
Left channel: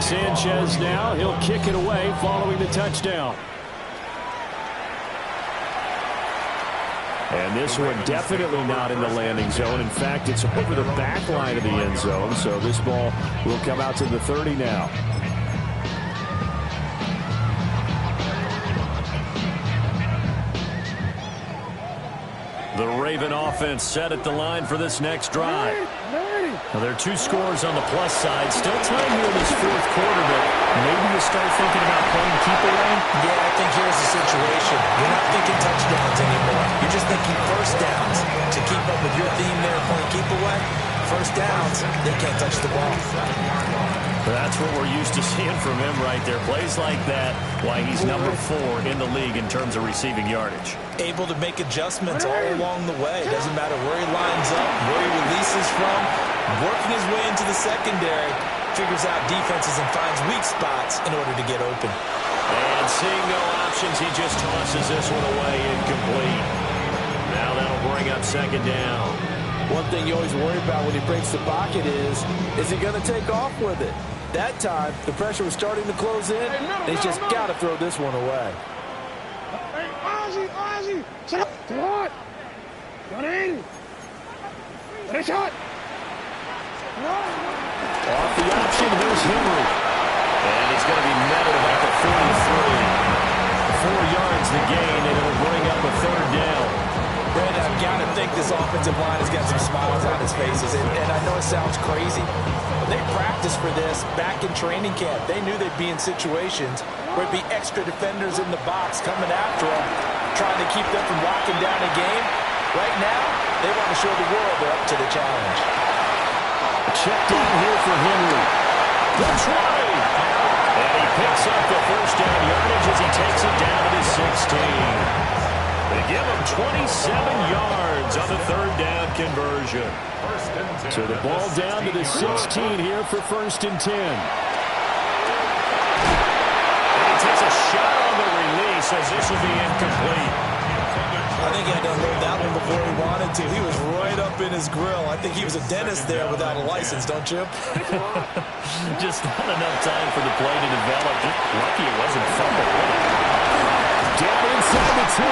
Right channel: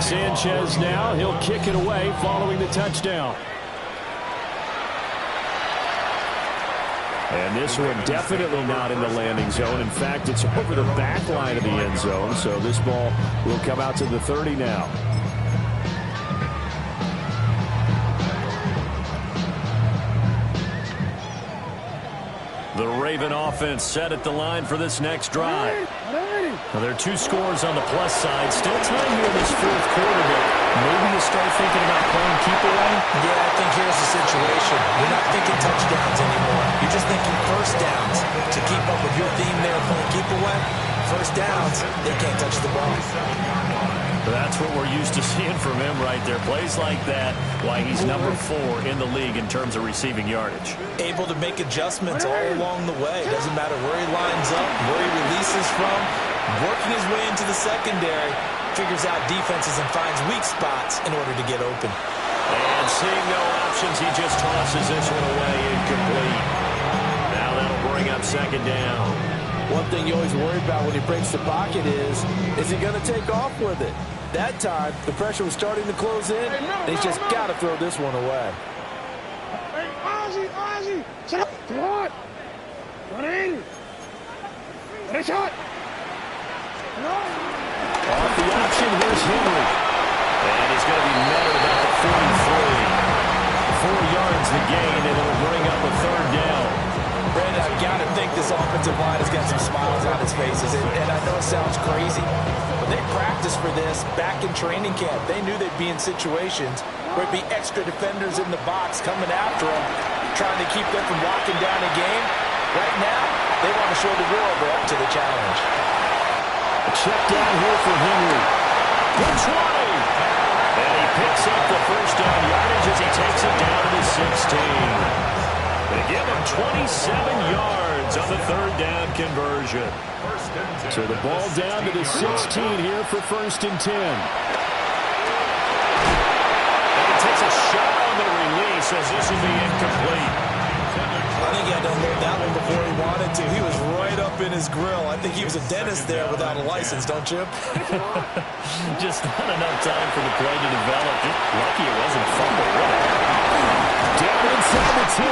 Sanchez now, he'll kick it away following the touchdown. And this one definitely not in the landing zone. In fact, it's over the back line of the end zone, so this ball will come out to the 30 now. The Raven offense set at the line for this next drive. Now, there are two scores on the plus side. Still time here in this fourth quarter, but maybe you start thinking about playing keep away? Yeah, I think here's the situation. You're not thinking touchdowns anymore. You're just thinking first downs. To keep up with your theme there, playing keep away, first downs, they can't touch the ball. That's what we're used to seeing from him right there. Plays like that, why he's number 4 in the league in terms of receiving yardage. Able to make adjustments all along the way. Doesn't matter where he lines up, where he releases from. Working his way into the secondary, figures out defenses and finds weak spots in order to get open. And seeing no options, he just tosses this one away incomplete. Now that'll bring up second down. One thing you always worry about when he breaks the pocket is he going to take off with it? That time, the pressure was starting to close in, and he's just got to throw this one away. Hey, Ozzie, shut up. What? 180. Ready, shot. Off the option, here's Henry. And he's going to be met at about the 43. 4 yards the gain, and it'll bring up a third down. Brandon, I've got to think this offensive line has got some smiles on his faces. And I know it sounds crazy, but they practiced for this back in training camp. They knew they'd be in situations where it'd be extra defenders in the box coming after them, trying to keep them from locking down a game. Right now, they want to show the world they're up to the challenge. A check down here for Henry. The 20. And he picks up the first down yardage as he takes it down to the 16. They give him 27 yards on the third down conversion. So the ball down to the 16 here for 1st and 10. And he takes a shot on the release as this will be incomplete. I think he had to unload that one before he wanted to. He was right up in his grill. I think he was a dentist there without a license, don't you? Just not enough time for the play to develop. Just lucky it wasn't fumble, really. Down inside the 10.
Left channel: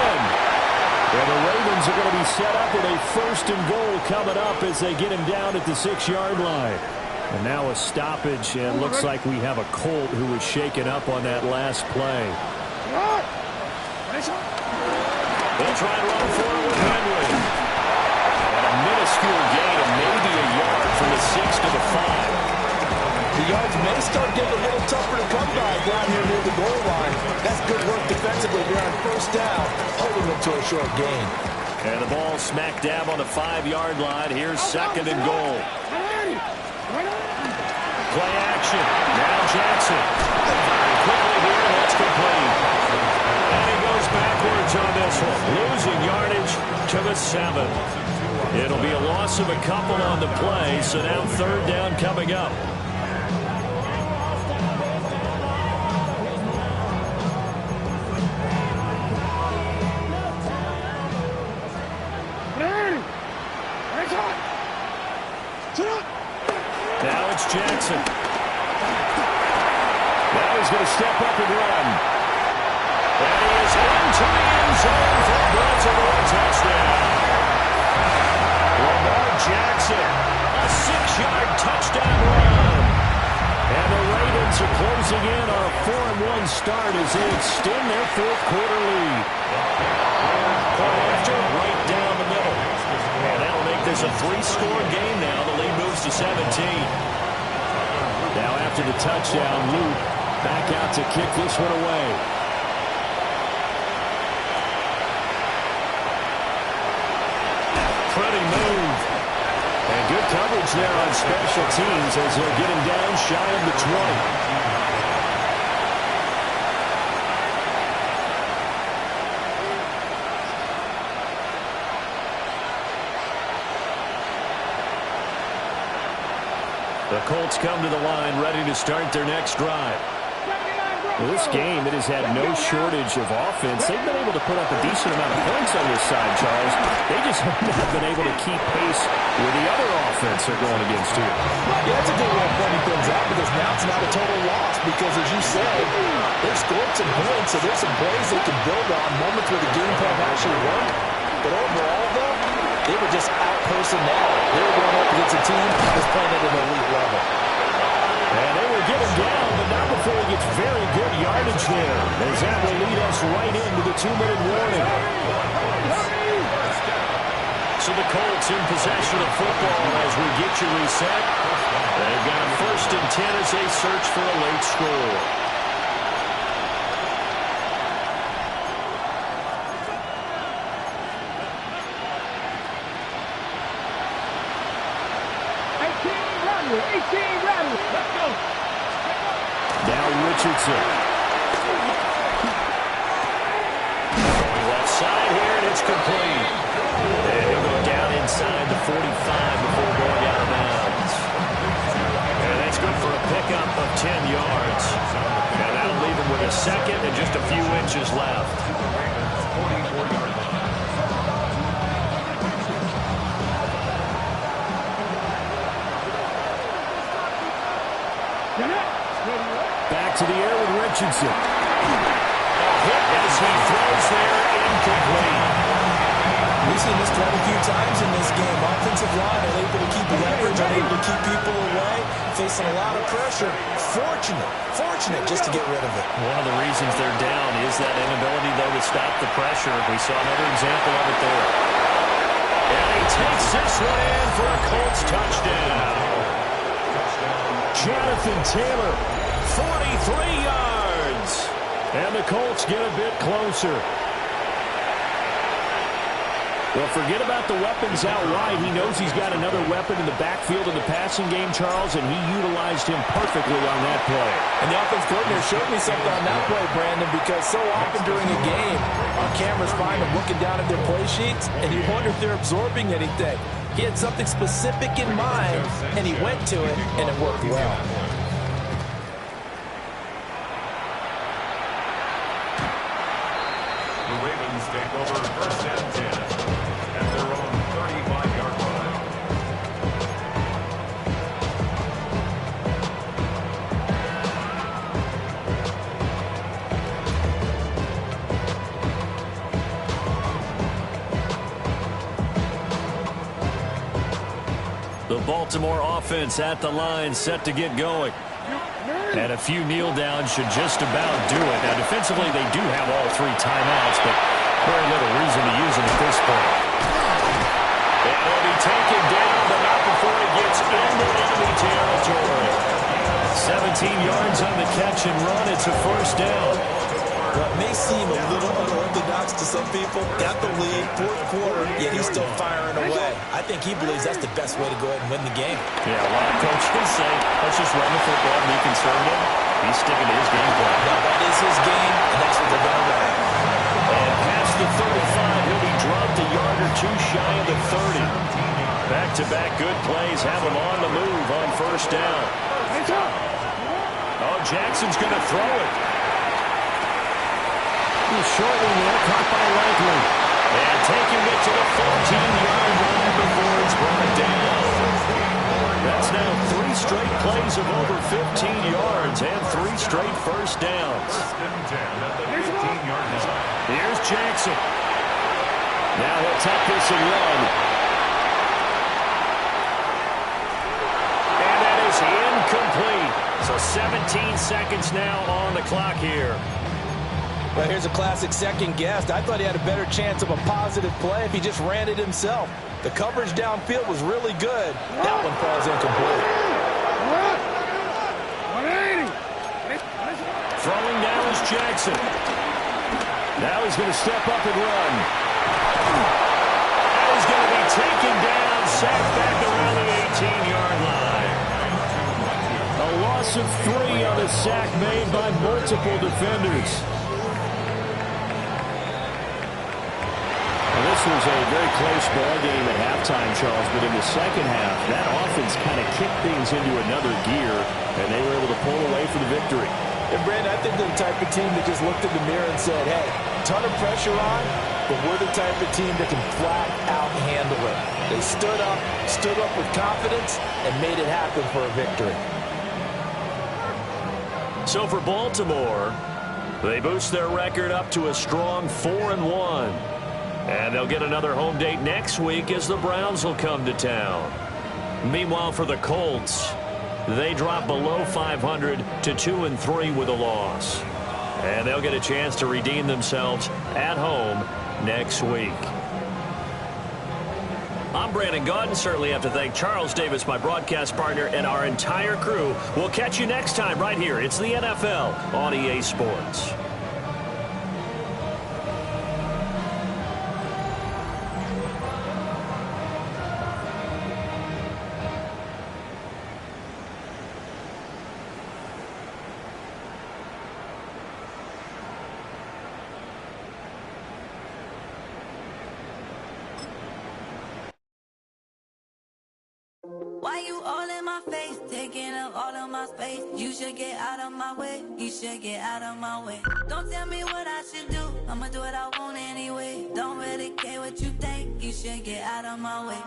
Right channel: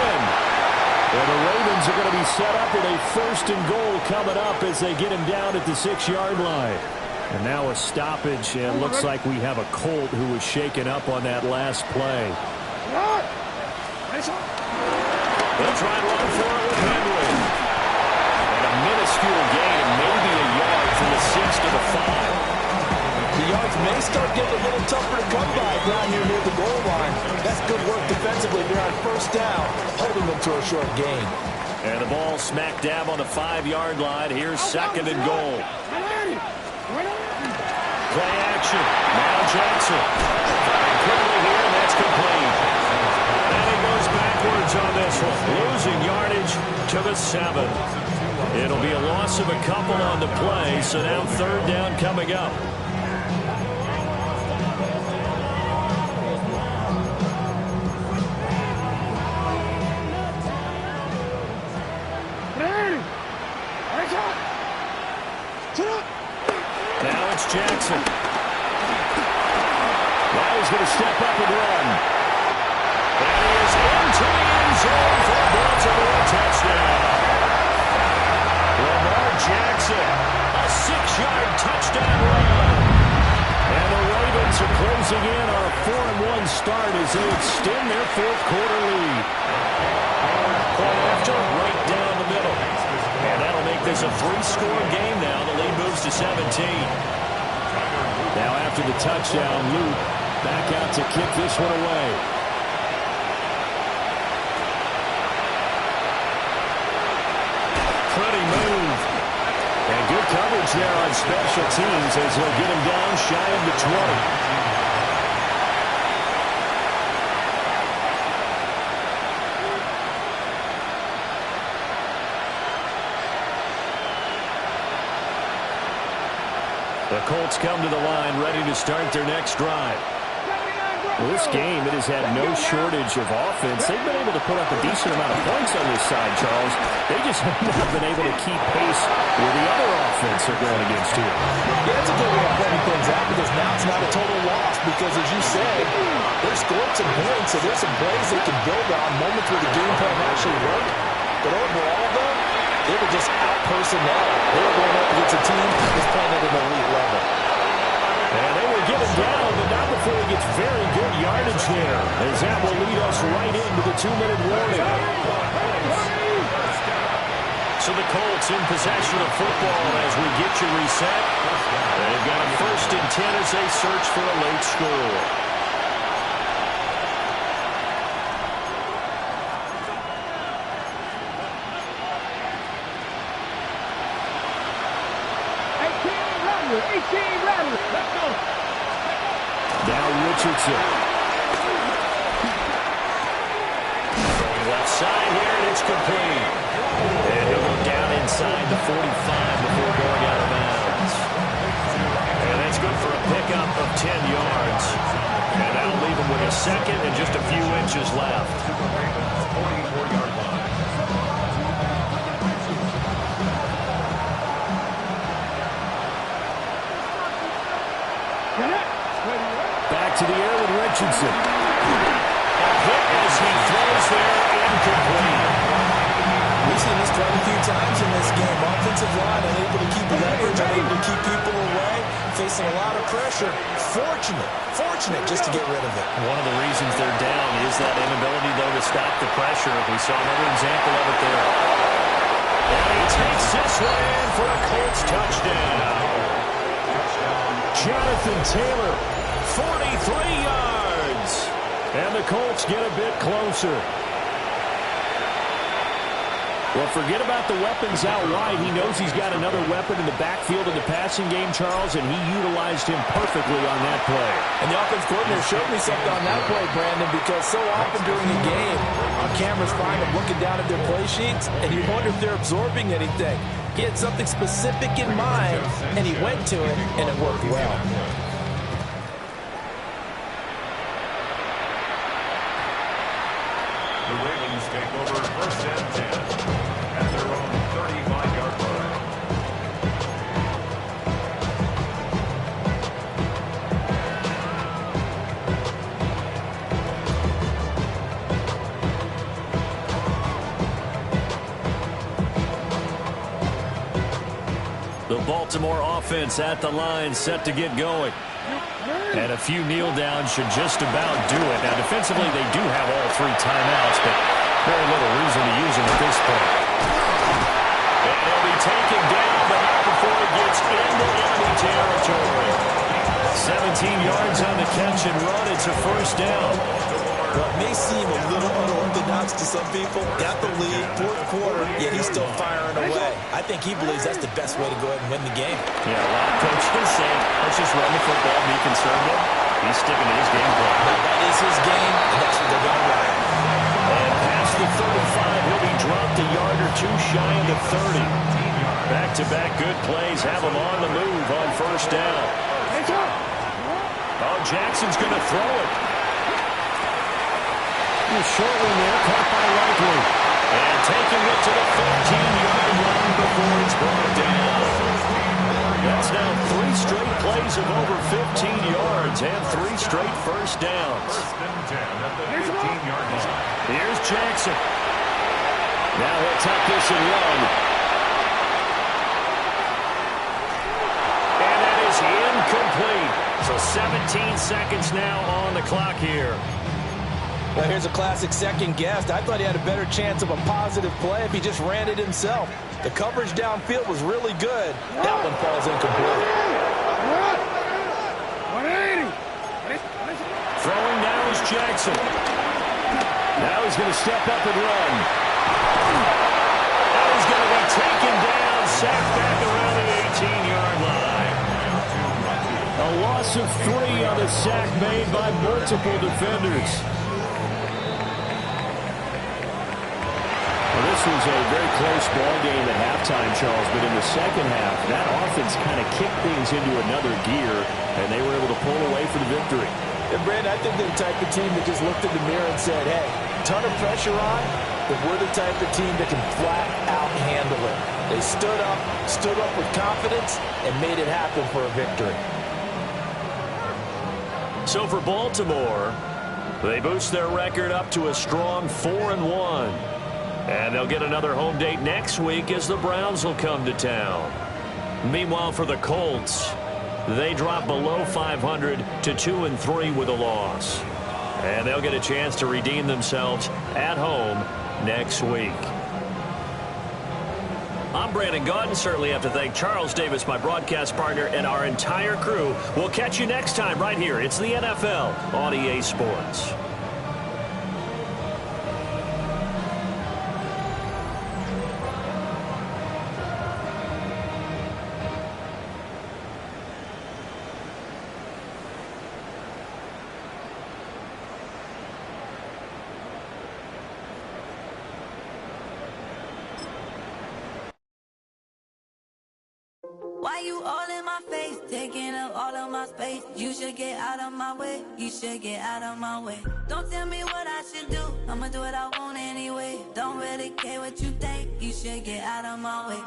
And the Ravens are going to be set up with a 1st and goal coming up as they get him down at the 6-yard line. And now a stoppage, and looks like we have a Colt who was shaken up on that last play. They'll try and run for it with Henry. And a minuscule gain of maybe a yard from the 6 to the 5. The yards may start getting a little tougher to come by down here near the goal line. That's good work defensively there on 1st down, holding them to a short gain. And the ball smack dab on the 5-yard line. Here's 2nd and goal. Play action. Now Jackson. Firing quickly here, and that's complete. And he goes backwards on this one. Losing yardage to the 7. It'll be a loss of a couple on the play, so now 3rd down coming up. Now it's Jackson. Now he's going to step up and run. And he is into the end zone for a Baltimore touchdown. Lamar Jackson, a 6-yard touchdown run. And the Ravens are closing in on a 4-1 start as they extend their fourth quarter lead. Point after, right down the middle. And that'll make this a 3-score game now. The lead moves to 17. Now after the touchdown, Luke back out to kick this one away. Pretty move. And good coverage there on special teams as he'll get him down shy of the 20. The Colts come to the line ready to start their next drive. Well, this game, it has had no shortage of offense. They've been able to put up a decent amount of points on this side, Charles. They just have not been able to keep pace where the other offense are going against here. Yeah, it's a good way of pointing things out because now it's not a total loss because, as you said, they've scored some points, so there's some plays they can build on, moments where the game plan actually worked. But overall, though, they were just out-personnel. They were going up against a team that was playing at an elite level. And they were getting down, but not before he gets very good yardage there, as that will lead us right into the 2-minute warning. So the Colts in possession of the football as we get you reset. They've got a 1st and 10 as they search for a late score. Now Richardson. Going left side here, and it's complete. And he'll go down inside the 45 before going out of bounds. And that's good for a pickup of 10 yards. And that'll leave him with a second and just a few inches left. Ravens 44-yard line. Back to the air with Richardson. A hit as he throws there, incomplete. We've seen this quite a few times in this game. Offensive line unable to keep leverage, unable to keep people away, facing a lot of pressure. Fortunate just to get rid of it. One of the reasons they're down is that inability, though, to stop the pressure. We saw another example of it there. And he takes this one in for a Colts touchdown. Jonathan Taylor, 43 yards. And the Colts get a bit closer. Well, forget about the weapons out wide. He knows he's got another weapon in the backfield in the passing game, Charles, and he utilized him perfectly on that play. And the offense coordinator showed me something on that play, Brandon, because so often during a game, our cameras find them looking down at their play sheets, and you wonder if they're absorbing anything. He had something specific in mind, and he went to it, and it worked well. The Ravens take over 1st and 10 at their own 35-yard line. The Baltimore offense at the line, set to get going. And a few kneel downs should just about do it. Now, defensively, they do have all 3 timeouts, but very little reason to use them at this point. And he'll be taken down, but not before he gets into enemy territory. 17 yards on the catch and run. It's a 1st down. Well, it may seem a little unorthodox to some people. Got the lead, 4th quarter, yet he's still firing away. I think he believes that's the best way to go ahead and win the game. Yeah, a lot of coaches say, let's just run the football and be conservative. He's sticking to his game plan. Now, that is his game, and that's what they're going to run. And past the 35, he'll be dropped a yard or 2 shy of the 30. Back-to-back good plays have him on the move on 1st down. Oh, Jackson's going to throw it. Short one there, caught by Likely. And taking it to the 15-yard line before it's brought down. That's now 3 straight plays of over 15 yards and 3 straight 1st downs. 1st and 10 at the 15-yard line. Here's Jackson. Now he'll tuck this and run. So 17 seconds now on the clock here. Well, here's a classic second guess. I thought he had a better chance of a positive play if he just ran it himself. The coverage downfield was really good. That one falls incomplete. 180. Throwing now is Jackson. Now he's going to step up and run. And he's going to be taken down, sacked back around the 18-yard line. A loss of 3 on the sack made by multiple defenders. Well, this was a very close ball game at halftime, Charles, but in the second half, that offense kind of kicked things into another gear, and they were able to pull away for the victory. And, Brandon, I think they're the type of team that just looked in the mirror and said, hey, ton of pressure on, but we're the type of team that can flat out handle it. They stood up with confidence, and made it happen for a victory. So for Baltimore, they boost their record up to a strong 4-1. And they'll get another home date next week as the Browns will come to town. Meanwhile, for the Colts, they drop below 500 to 2-3 with a loss. And they'll get a chance to redeem themselves at home next week. I'm Brandon Gaudin. Certainly have to thank Charles Davis, my broadcast partner, and our entire crew. We'll catch you next time right here. It's the NFL on EA Sports. Why you all in my face, taking up all of my space? You should get out of my way, you should get out of my way. Don't tell me what I should do, I'ma do what I want anyway. Don't really care what you think, you should get out of my way.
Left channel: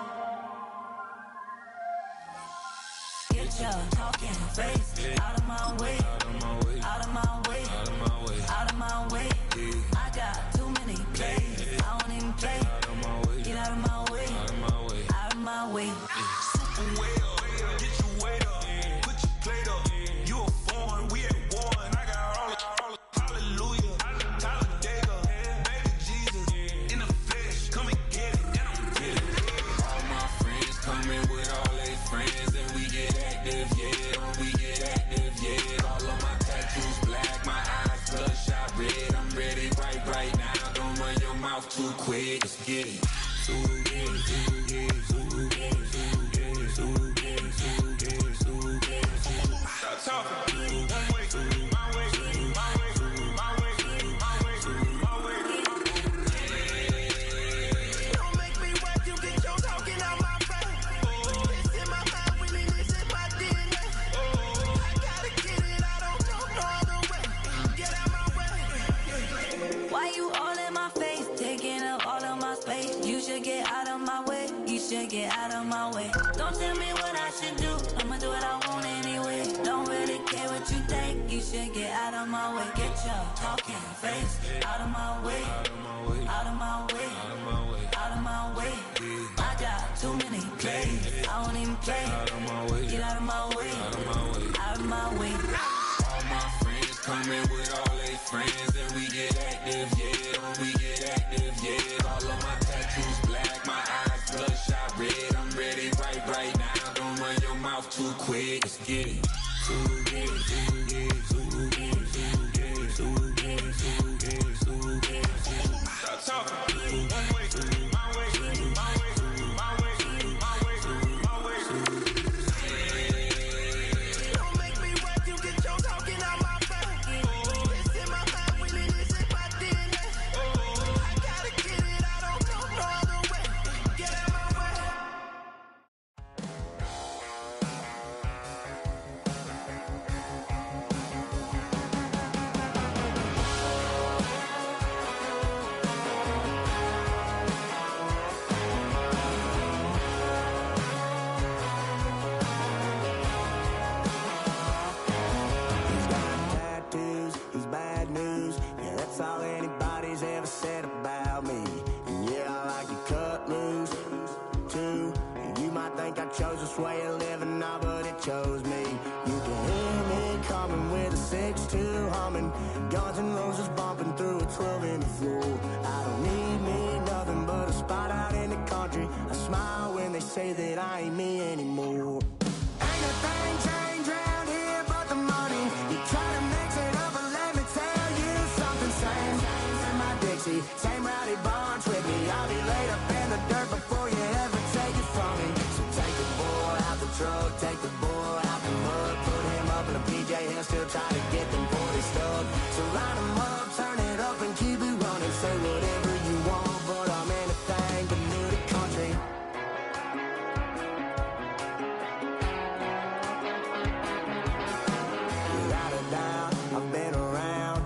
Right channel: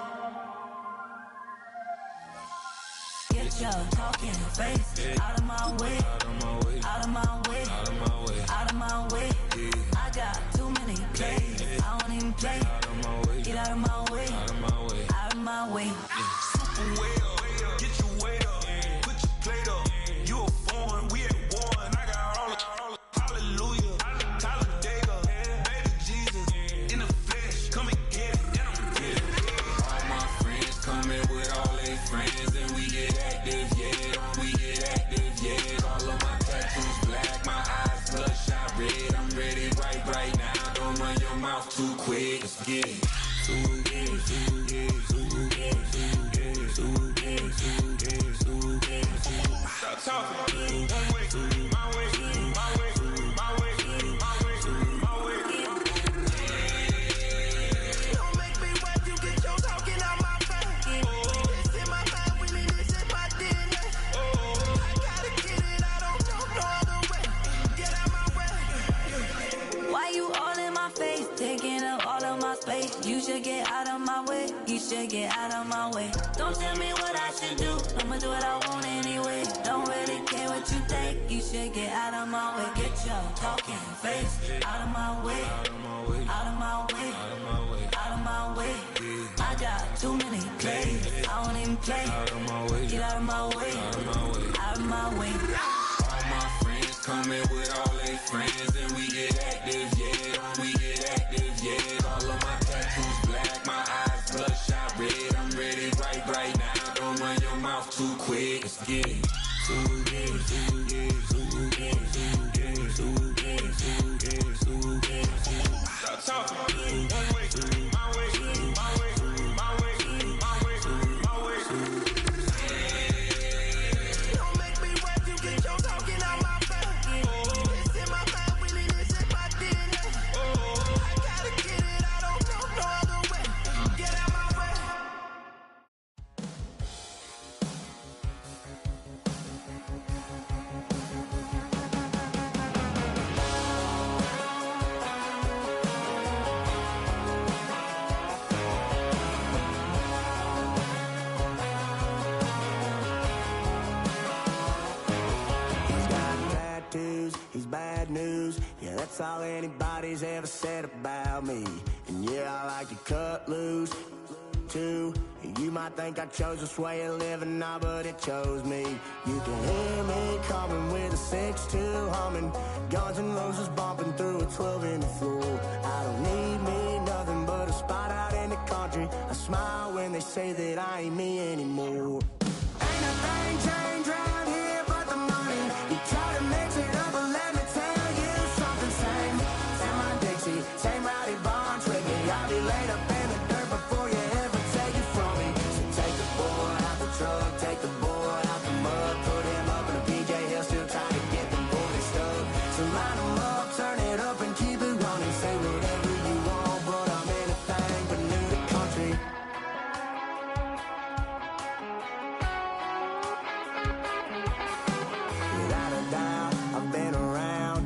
Get your talking face out of my way, out of my way, out of my way, out of my way, out of my way. I got too many plays, I don't even play. Out of my way, get out of my way, out of my way, out of my way. Way up, get your weight up, put your plate up. You a foreign, we at war, and I got all hallelujah, Talladega, baby Jesus, in the flesh, come and get it, and I'm get it. All my friends coming with all their friends, and we get active, yeah, we get active, yeah. All of my tattoos black, my eyes bloodshot red. I'm ready right now. Don't run your mouth too quick, let's get it. Stop talking. One way, my way, my way, my way, my way, my way. Don't make me wet, you get your talking out my face. It's in my mind, winning this in my DNA. I gotta get it, I don't know no other way. Get out my way. Why you all in my face, taking up all of my space? You should get out of my way, you should get out of my way. Don't tell me what I should do, I'ma do what I want anyway. Don't really care what you think, you should get out of my way. Get your talking face out of my way, out of my way, out of my way, out of my way, out of my way. I got too many plays, I don't even play. Out of my way, get out of my way, out of my way, out of my way. All my friends coming with all their friends, and we get active, yeah, we get active, yeah. All of my tattoos black, my eyes bloodshot red. I'm ready right now. Don't run your mouth too quick, let's get it. Stop talking. One way, my way, my way, my way, my way, my way. Don't make me wet, you get your talking out my face. It's in my mind, winning this in my DNA. I gotta get it, I don't know no other way. Get out my way. He's got tattoos, he's bad news. Yeah, that's all anybody's ever said about me. And yeah, I like to cut loose, too. You might think I chose this way of living now, but it chose me. You can hear me coming with a 6'2" humming. Guns N' Roses bumping through a 12-inch floor. I don't need me nothing but a spot out in the country. I smile when they say that I ain't me anymore. Ain't a thing changed round here but the money. You try to mix it up, but let me tell you something. Same in my Dixie, same rowdy bunch with me. I'll be laid up in the dirt before you ever take it from me. So take the boy out the truck, take the boy out the mud, put him up in a PJ Hill, still trying to get them 40 stuck. So line them up, turn it up and keep it running. Say whatever you want, but I'm anything but new to country. Without a doubt, I've been around.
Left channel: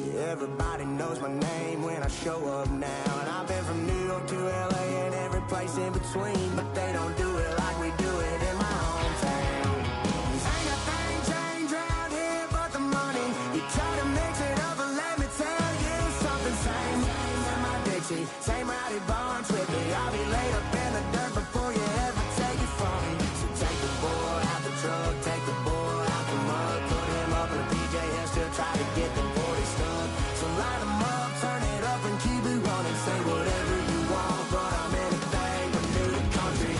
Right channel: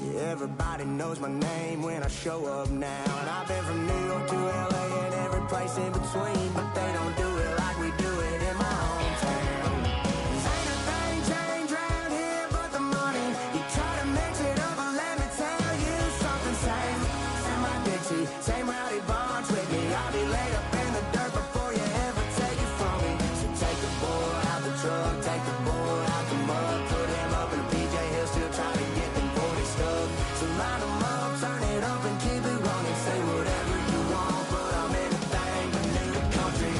Yeah, everybody knows my name when I show up now. And I've been from New York to LA and every place in between, but they don't do it like we do it in my hometown. Ain't a thing changed round here but the money. You try to mix it up, but let me tell you something. Same in my Dixie, same rowdy bunch with me. I'll be laid up in the dirt before you ever take it from me. So take the boy out the truck, take the boy out the mud, put him up in a PJ Hill, still try to get them 40 stuck. So line them up, turn it up and keep it running. Say whatever you want, but I'm anything but new to country.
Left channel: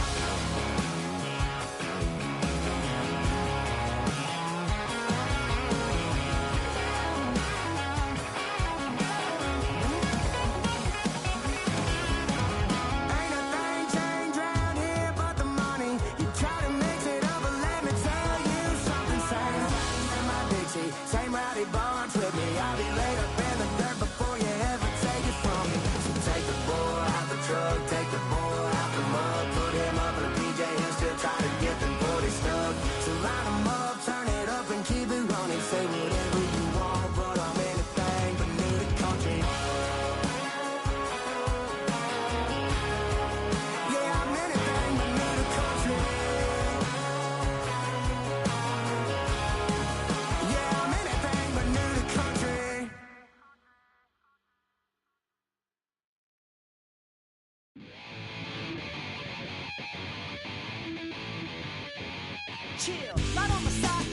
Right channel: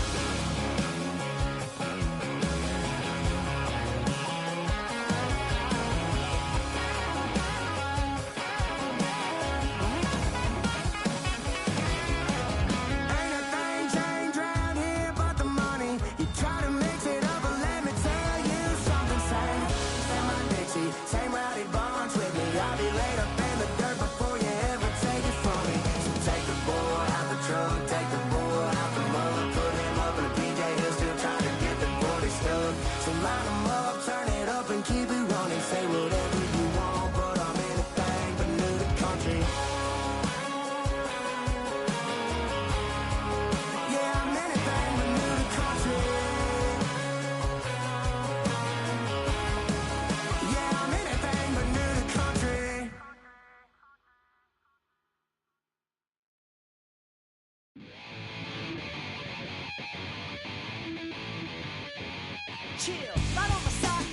Ain't a thing changed round here but the money. You try to mix it up, but let me tell you something. Same in my Dixie, same rowdy bunch with me. I'll be laid up in the dirt before you ever take it from me. So take the boy out the truck, take the boy out the mud, put him up in a PJ Hill, still try to get them 40 stuck. So line them up, turn it up and keep it running. Say whatever you want, but I'm anything but new to country. Yeah, I'm anything but new to country. Yeah, I'm anything but new to country. Chill, right on the side,